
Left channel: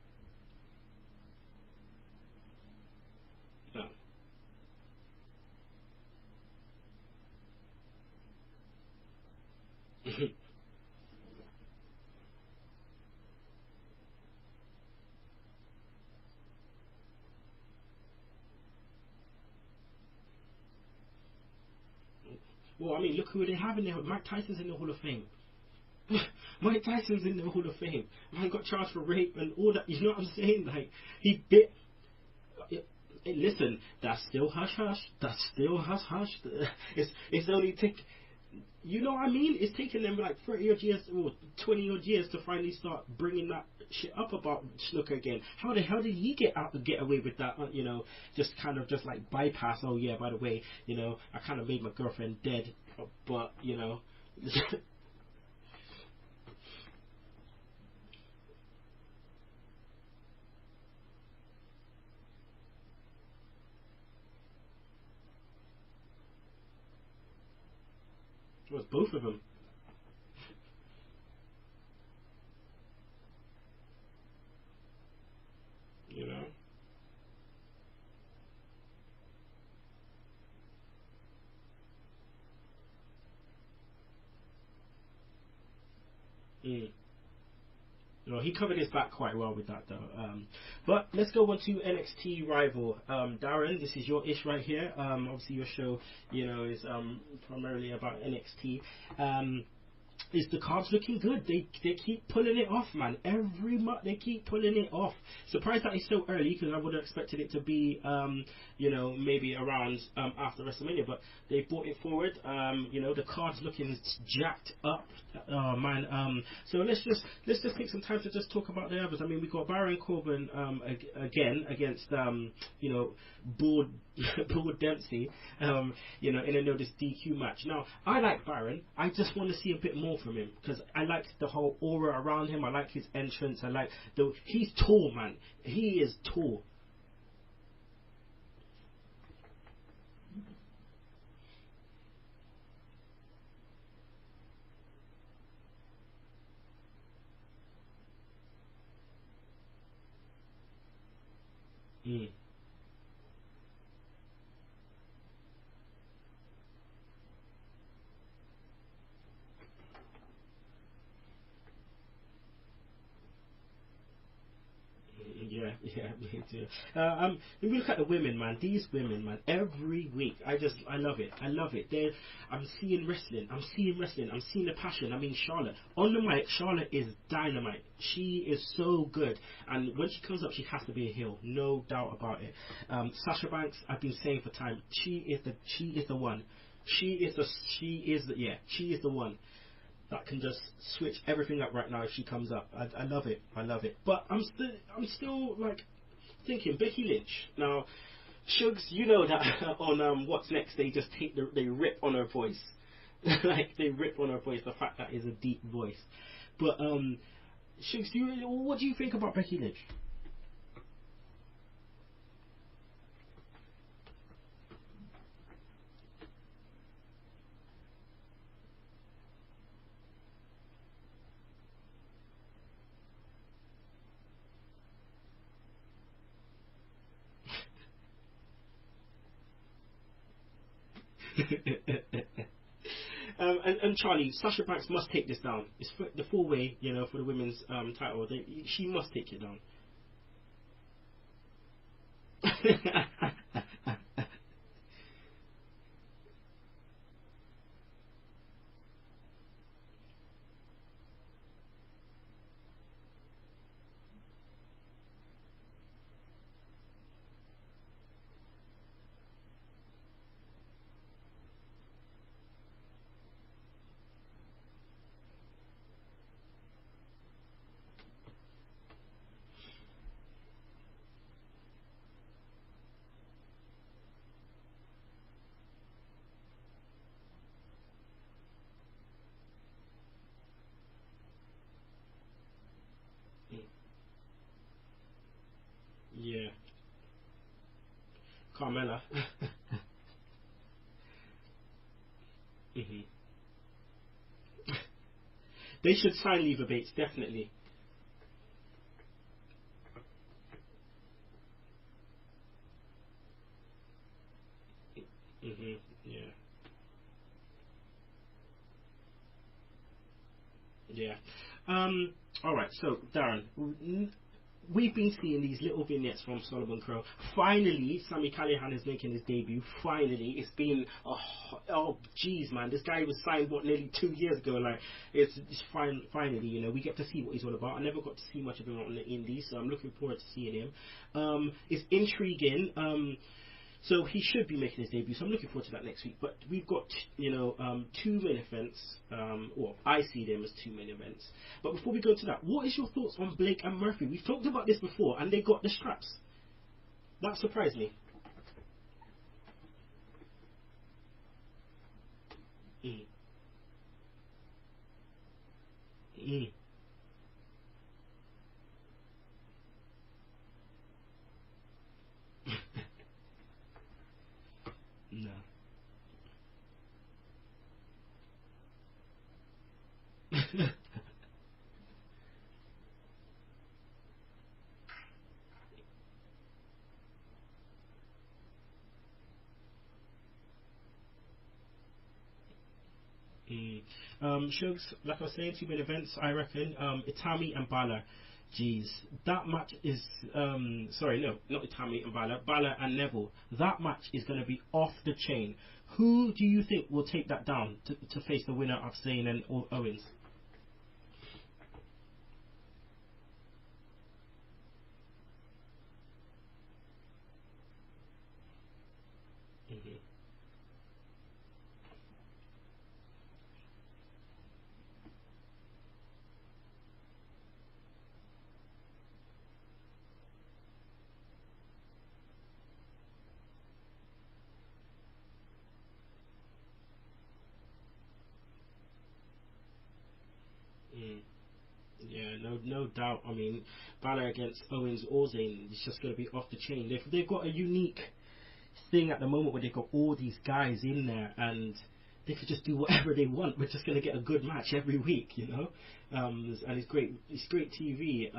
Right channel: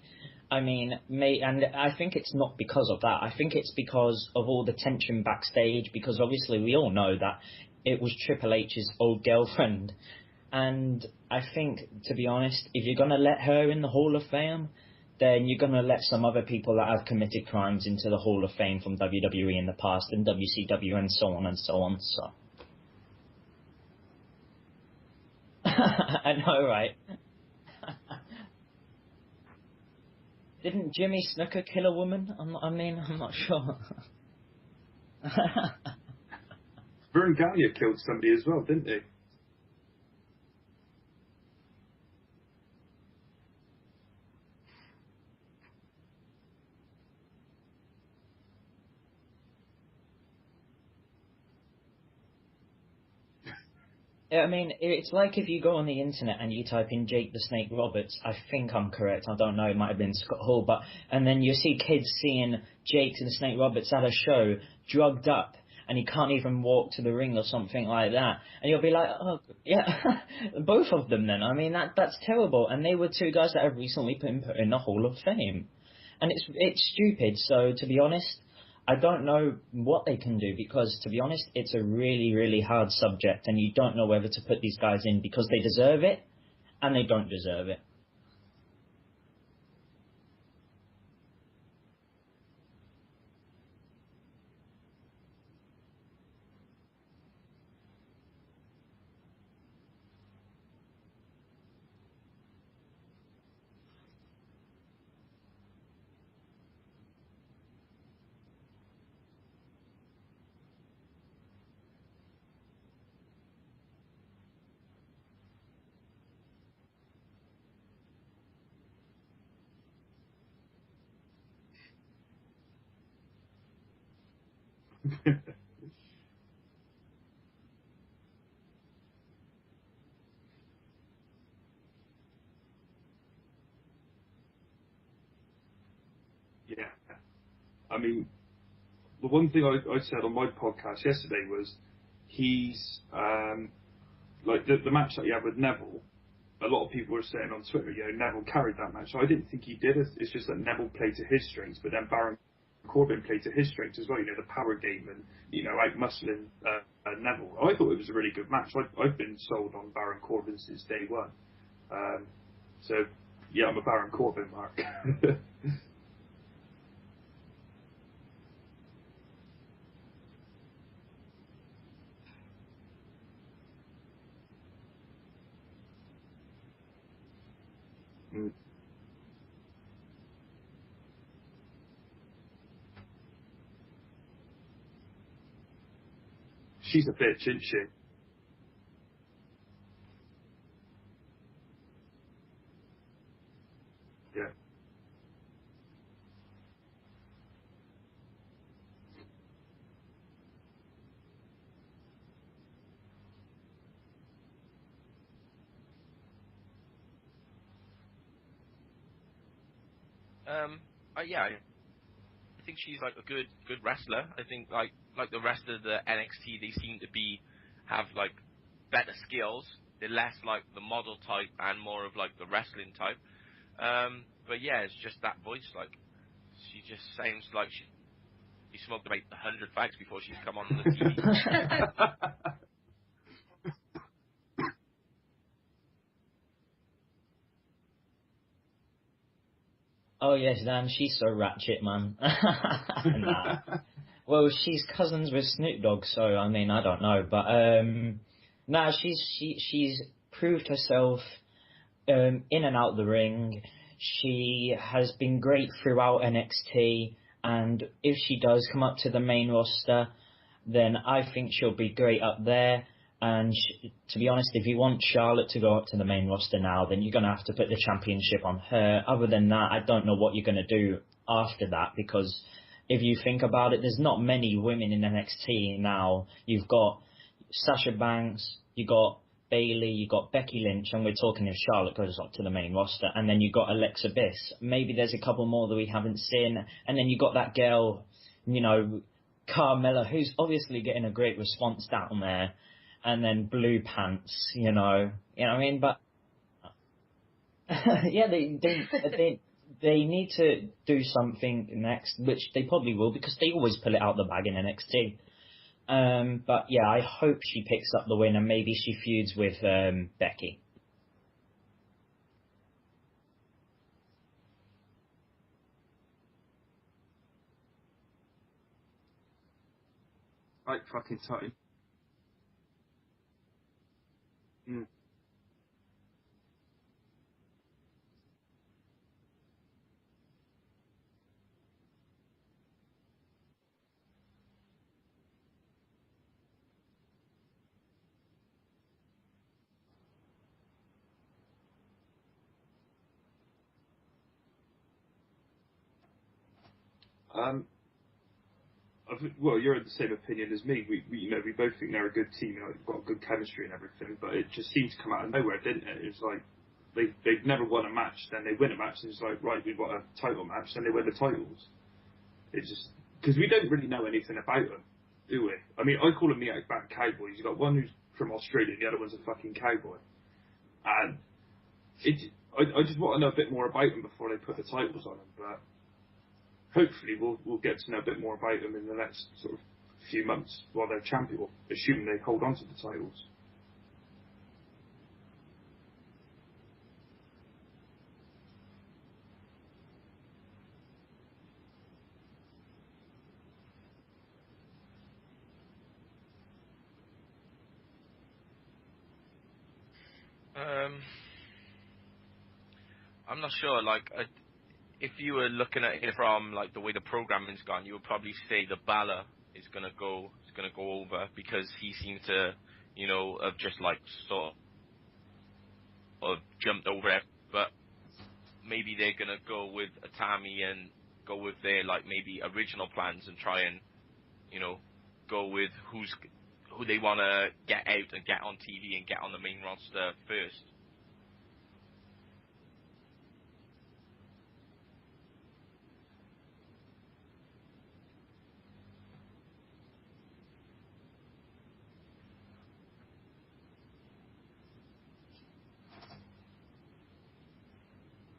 and I think it's not because of that. I think it's because of all the tension backstage, because obviously we all know that it was Triple H's old girlfriend. And I think, to be honest, if you're going to let her in the Hall of Fame, then you're going to let some other people that have committed crimes into the Hall of Fame from WWE in the past and WCW and so on and so on. So. Well, I mean, look who they have in there. Mike Tyson's in the Hall of Fame. I know, right? Mike Tyson's in the Hall of Fame. Man got charged for rape and all that. You know what I'm saying? Didn't Jimmy Snuka kill a woman? I'm not sure. Listen, that's still hush hush. That's still hush hush. Vern Gagne killed somebody as well, didn't he? You know what I mean? It's taken them like 30 odd years or 20 odd years to finally start bringing that shit up about Snuka again. How the hell did he get away with that? Just like bypass. Oh yeah, by the way, I kind of made my girlfriend dead, but Yeah, I mean, it's like if you go on the internet and you type in Jake the Snake Roberts. I think I'm correct. I don't know. It might have been Scott Hall, and then you see kids seeing Jake the Snake Roberts at a show, drugged up, and he can't even walk to the ring or something like that. And you'll be like, oh, yeah, both of them then. I mean, that's terrible. And they were two guys that have recently been put in the Hall of Fame. Yeah. And it's stupid. So, to be honest, I don't know what they can do because, to be honest, it's a really, really hard subject. And you don't know whether to put these guys in because they deserve it and they don't deserve it. No, he covered his back quite well with that, though. But let's go on to NXT Rival. Darren, this is your ish right here. Obviously, your show, is primarily about NXT. Is the cards looking good? They keep pulling it off, man. Every month they keep pulling it off. Surprised that it's so early because I would have expected it to be, maybe around after WrestleMania. But they brought it forward. The cards looking jacked up. Oh man. So let's just take some time to just talk about the others. I mean, we got Baron Corbin again against Bull Dempsey. In a notice DQ match. Now I like Baron. I just want to see a bit more from him because I like the whole aura around him. I like his entrance. I like he's tall, man. He is tall. Yeah. I mean, the one thing I said on my podcast yesterday was he's like the match that he had with Neville. A lot of people were saying on Twitter, Neville carried that match. I didn't think he did. It's just that Neville played to his strengths, but then Baron Corbin played to his strengths as well. The power game and out muscling Neville. I thought it was a really good match. I've been sold on Baron Corbin since day one. So yeah, I'm a Baron Corbin mark. yeah, me too. If we look at the women, man, these women, man, every week, I love it. I'm seeing wrestling. I'm seeing the passion. I mean, Charlotte on the mic. Charlotte is dynamite. She is so good, and when she comes up, she has to be a heel, no doubt about it. Sasha Banks, I've been saying for time, she is the one. She's a bitch, isn't she? She is the one that can just switch everything up right now if she comes up. I love it. But I'm still like thinking Becky Lynch. Now, Shugs, you know that on What's Next they just they rip on her voice. Like they rip on her voice, the fact that is a deep voice. But Shugs, what do you think about Becky Lynch? Yeah, I think she's like a good wrestler. I think like the rest of the NXT, they seem to have like better skills. They're less like the model type and more of like the wrestling type. But yeah, it's just that voice. Like she just sounds like she smoked about 100 fags before she's come on the TV. And Charlie, Sasha Banks must take this down. It's the 4-way, for the women's title. She must take it down. Oh yes, Dan, she's so ratchet, man. Nah. Well, she's cousins with Snoop Dogg, so I mean, I don't know, but nah, she's proved herself in and out the ring. She has been great throughout NXT, and if she does come up to the main roster, then I think she'll be great up there. And to be honest, if you want Charlotte to go up to the main roster now, then you're going to have to put the championship on her. Other than that, I don't know what you're going to do after that, because if you think about it, there's not many women in NXT now. You've got Sasha Banks, you've got Bayley, you've got Becky Lynch, and we're talking if Charlotte goes up to the main roster, and then you've got Alexa Bliss. Maybe there's a couple more that we haven't seen, and then you've got that girl, Carmella, who's obviously getting a great response down there, and then Blue Pants, you know what I mean? But they should sign Leva Bates, definitely. Yeah, they need to do something next, which they probably will, because they always pull it out the bag in NXT. But yeah, I hope she picks up the win, and maybe she feuds with Becky. Yeah. All right. So Darren, we've been seeing these little vignettes from Solomon Crow. Finally, Sami Callihan is making his debut. Finally, it's been jeez, man, this guy was signed nearly 2 years ago. Like it's finally, we get to see what he's all about. I never got to see much of him on the indies, so I'm looking forward to seeing him. It's intriguing. So he should be making his debut, so I'm looking forward to that next week. But we've got, 2 main events, or I see them as 2 main events. But before we go to that, what is your thoughts on Blake and Murphy? We've talked about this before, and they got the straps. That surprised me. Well, you're of the same opinion as me. We both think they're a good team, got good chemistry and everything, but it just seemed to come out of nowhere, didn't it? It was like they've never won a match, then they win a match, and it's like, right, we've got a title match, then they win the titles. It just... Because we don't really know anything about them, do we? I mean, I call them the Outback Cowboys. You've got one who's from Australia, the other one's a fucking cowboy. And I just want to know a bit more about them before they put the titles on them. But hopefully we'll get to know a bit more about them in the next sort of few months while they're champion, assuming they hold on to the titles. Shugs, like I was saying, 2 main events, I reckon. Itami and Balor. Jeez, that match is sorry, no, not Itami and Balor and Neville. That match is going to be off the chain. Who do you think will take that down to face the winner of Zayn and Owens? I'm not sure. Like, if you were looking at it from like the way the programming's gone, you would probably say the Balor is going to go over, because he seemed to, have just like sort of jumped over it, but. Maybe they're gonna go with Itami and go with their like maybe original plans and try and go with who they want to get out and get on TV and get on the main roster first. Yeah, no doubt. I mean, Balor against Owens or Zayn is just gonna be off the chain. They've got a unique thing at the moment where they've got all these guys in there and they could just do whatever they want. We're just going to get a good match every week, and it's great. It's great TV.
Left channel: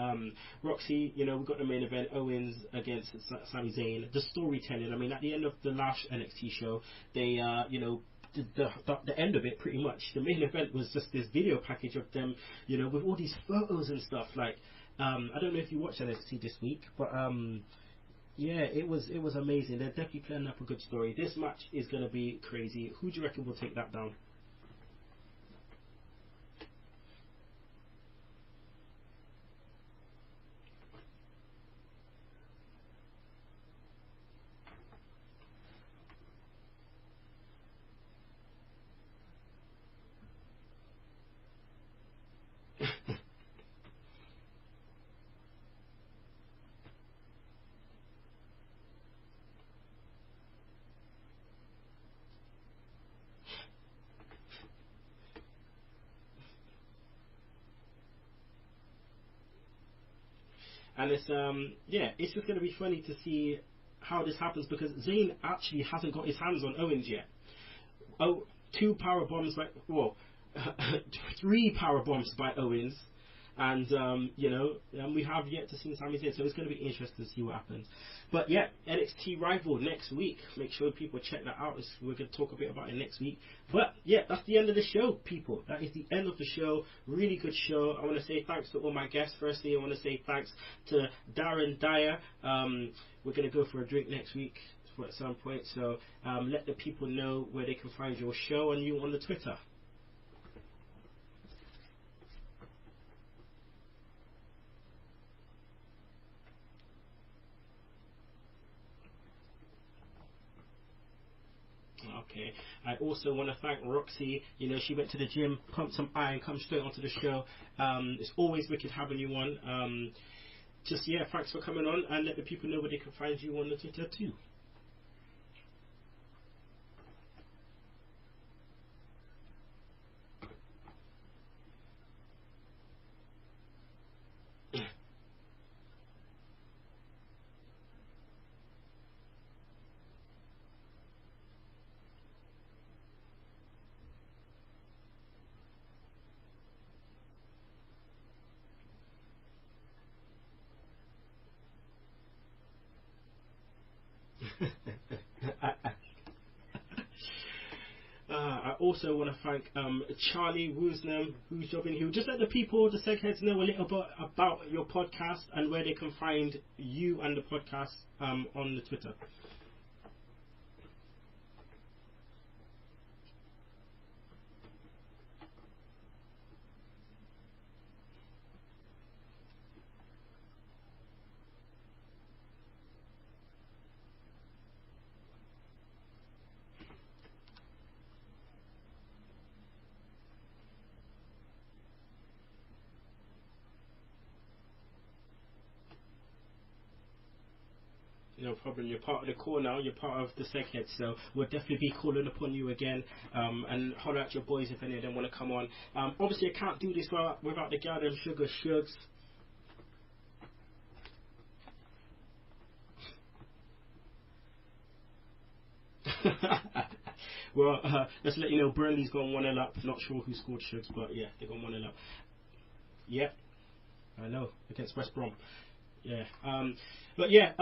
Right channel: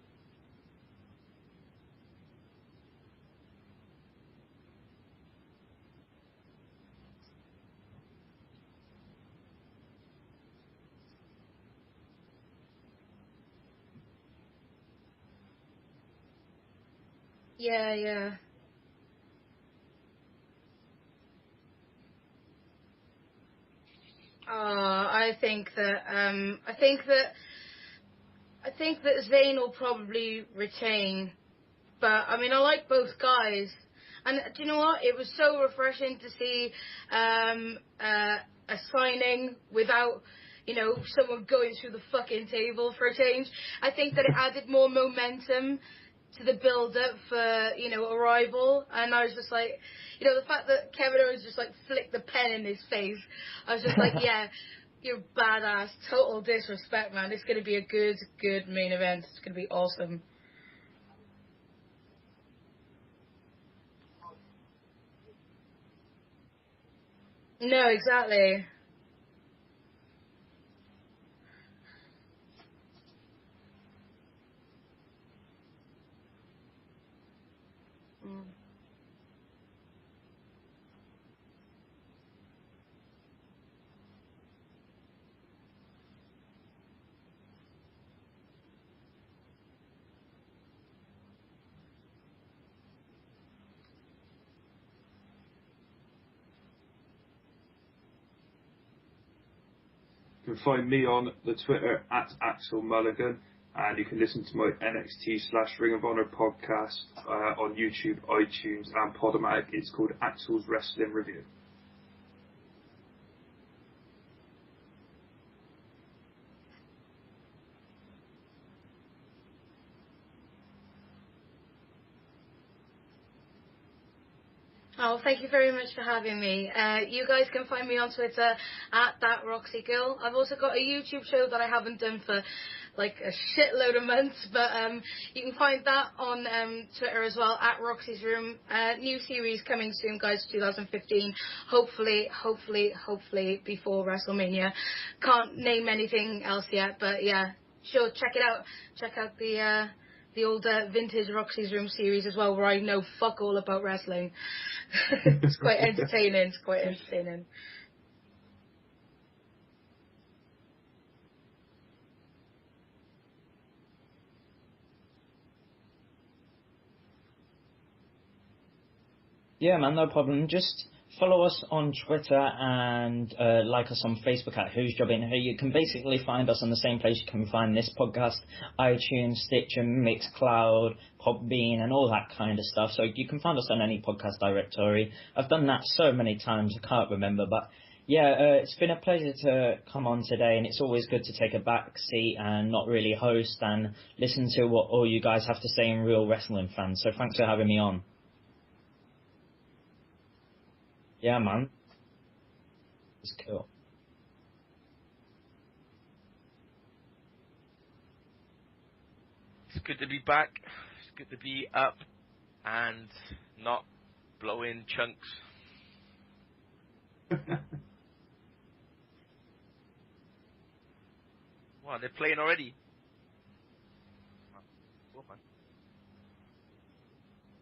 Roxy, we've got the main event, Owens against Sami Zayn. The storytelling. I mean, at the end of the last NXT show, they, the end of it pretty much. The main event was just this video package of them, with all these photos and stuff. Like, I don't know if you watched NXT this week, but yeah, it was amazing. They're definitely planning up a good story. This match is going to be crazy. Who do you reckon will take that down? I think that Zayn will probably retain, but I mean I like both guys, and do you know what? It was so refreshing to see a signing without. Someone going through the fucking table for a change. I think that it added more momentum to the build-up for, Arrival. And I was just like, the fact that Kevin Owens just, flicked the pen in his face. I was just like, yeah, you're badass. Total disrespect, man. It's going to be a good main event. It's going to be awesome. And it's it's just going to be funny to see how this happens because Zayn actually hasn't got his hands on Owens yet. No, exactly. 2 power bombs by 3 power bombs by Owens, and we have yet to see Sami Zayn, so it's going to be interesting to see what happens. But yeah, NXT Rival next week. Make sure people check that out. We're going to talk a bit about it next week. But yeah, that's the end of the show, people. That is the end of the show. Really good show. I want to say thanks to all my guests. Firstly, I want to say thanks to Darren Dyer. We're going to go for a drink next week at some point. So let the people know where they can find your show and you on the Twitter. You can find me on the Twitter at Axel Mulligan. And you can listen to my NXT/Ring of Honor podcast on YouTube, iTunes, and Podomatic. It's called Axel's Wrestling Review. Okay. I also want to thank Roxy. She went to the gym, pumped some iron, come straight onto the show. It's always wicked having you on. Thanks for coming on, and let the people know where they can find you on the Twitter too. Oh, thank you very much for having me. You guys can find me on Twitter at @ThatRoxyGirl. I've also got a YouTube show that I haven't done for like a shitload of months, but you can find that on Twitter as well at Roxy's Room. New series coming soon, guys, 2015. Hopefully before WrestleMania. Can't name anything else yet, but yeah, sure, check it out. Check out the old vintage Roxy's Room series as well, where I know fuck all about wrestling. It's quite entertaining. I also want to thank Charlie Woosnam, who's jobbing here. Just let the people, the Segheads, know a little bit about your podcast and where they can find you and the podcast on the Twitter. Yeah, man, no problem. Just follow us on Twitter and like us on Facebook at Who's Jobbing Who. You can basically find us on the same place you can find this podcast: iTunes, Stitcher, Mixcloud, Podbean, and all that kind of stuff. So you can find us on any podcast directory. I've done that so many times I can't remember, but yeah, it's been a pleasure to come on today, and it's always good to take a back seat and not really host and listen to what all you guys have to say in real wrestling fans. So thanks for having me on. No problem. You're part of the core now. You're part of the Segheads, so yeah, we'll man. definitely be calling upon you again. Cool. And holler at your boys if any of them want to come on. Obviously, I can't do this without the goddamn Sugar Shugs. It's good to be back. It's good to be up and not blowing chunks. Well, let's let you know Burnley's gone 1-0 up. Not sure who scored Shugs, but yeah, they've gone 1-0 up. Oh, they're playing already? Yeah, I know, against West Brom. Yeah, but yeah,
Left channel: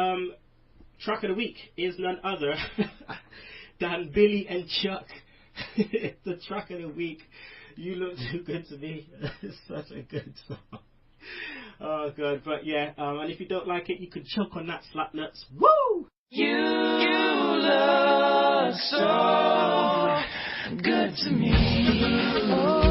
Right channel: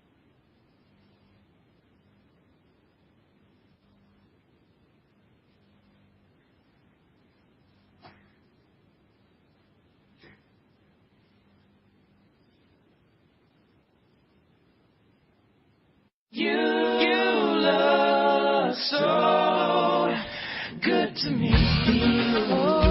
track of the week is none other than Billy and Chuck. The track of the week. You Look Too Good to Me. It's such a good song. Oh god, but yeah, and if you don't like it, you can choke on that slap nuts. Woo! You look so good to me. Oh.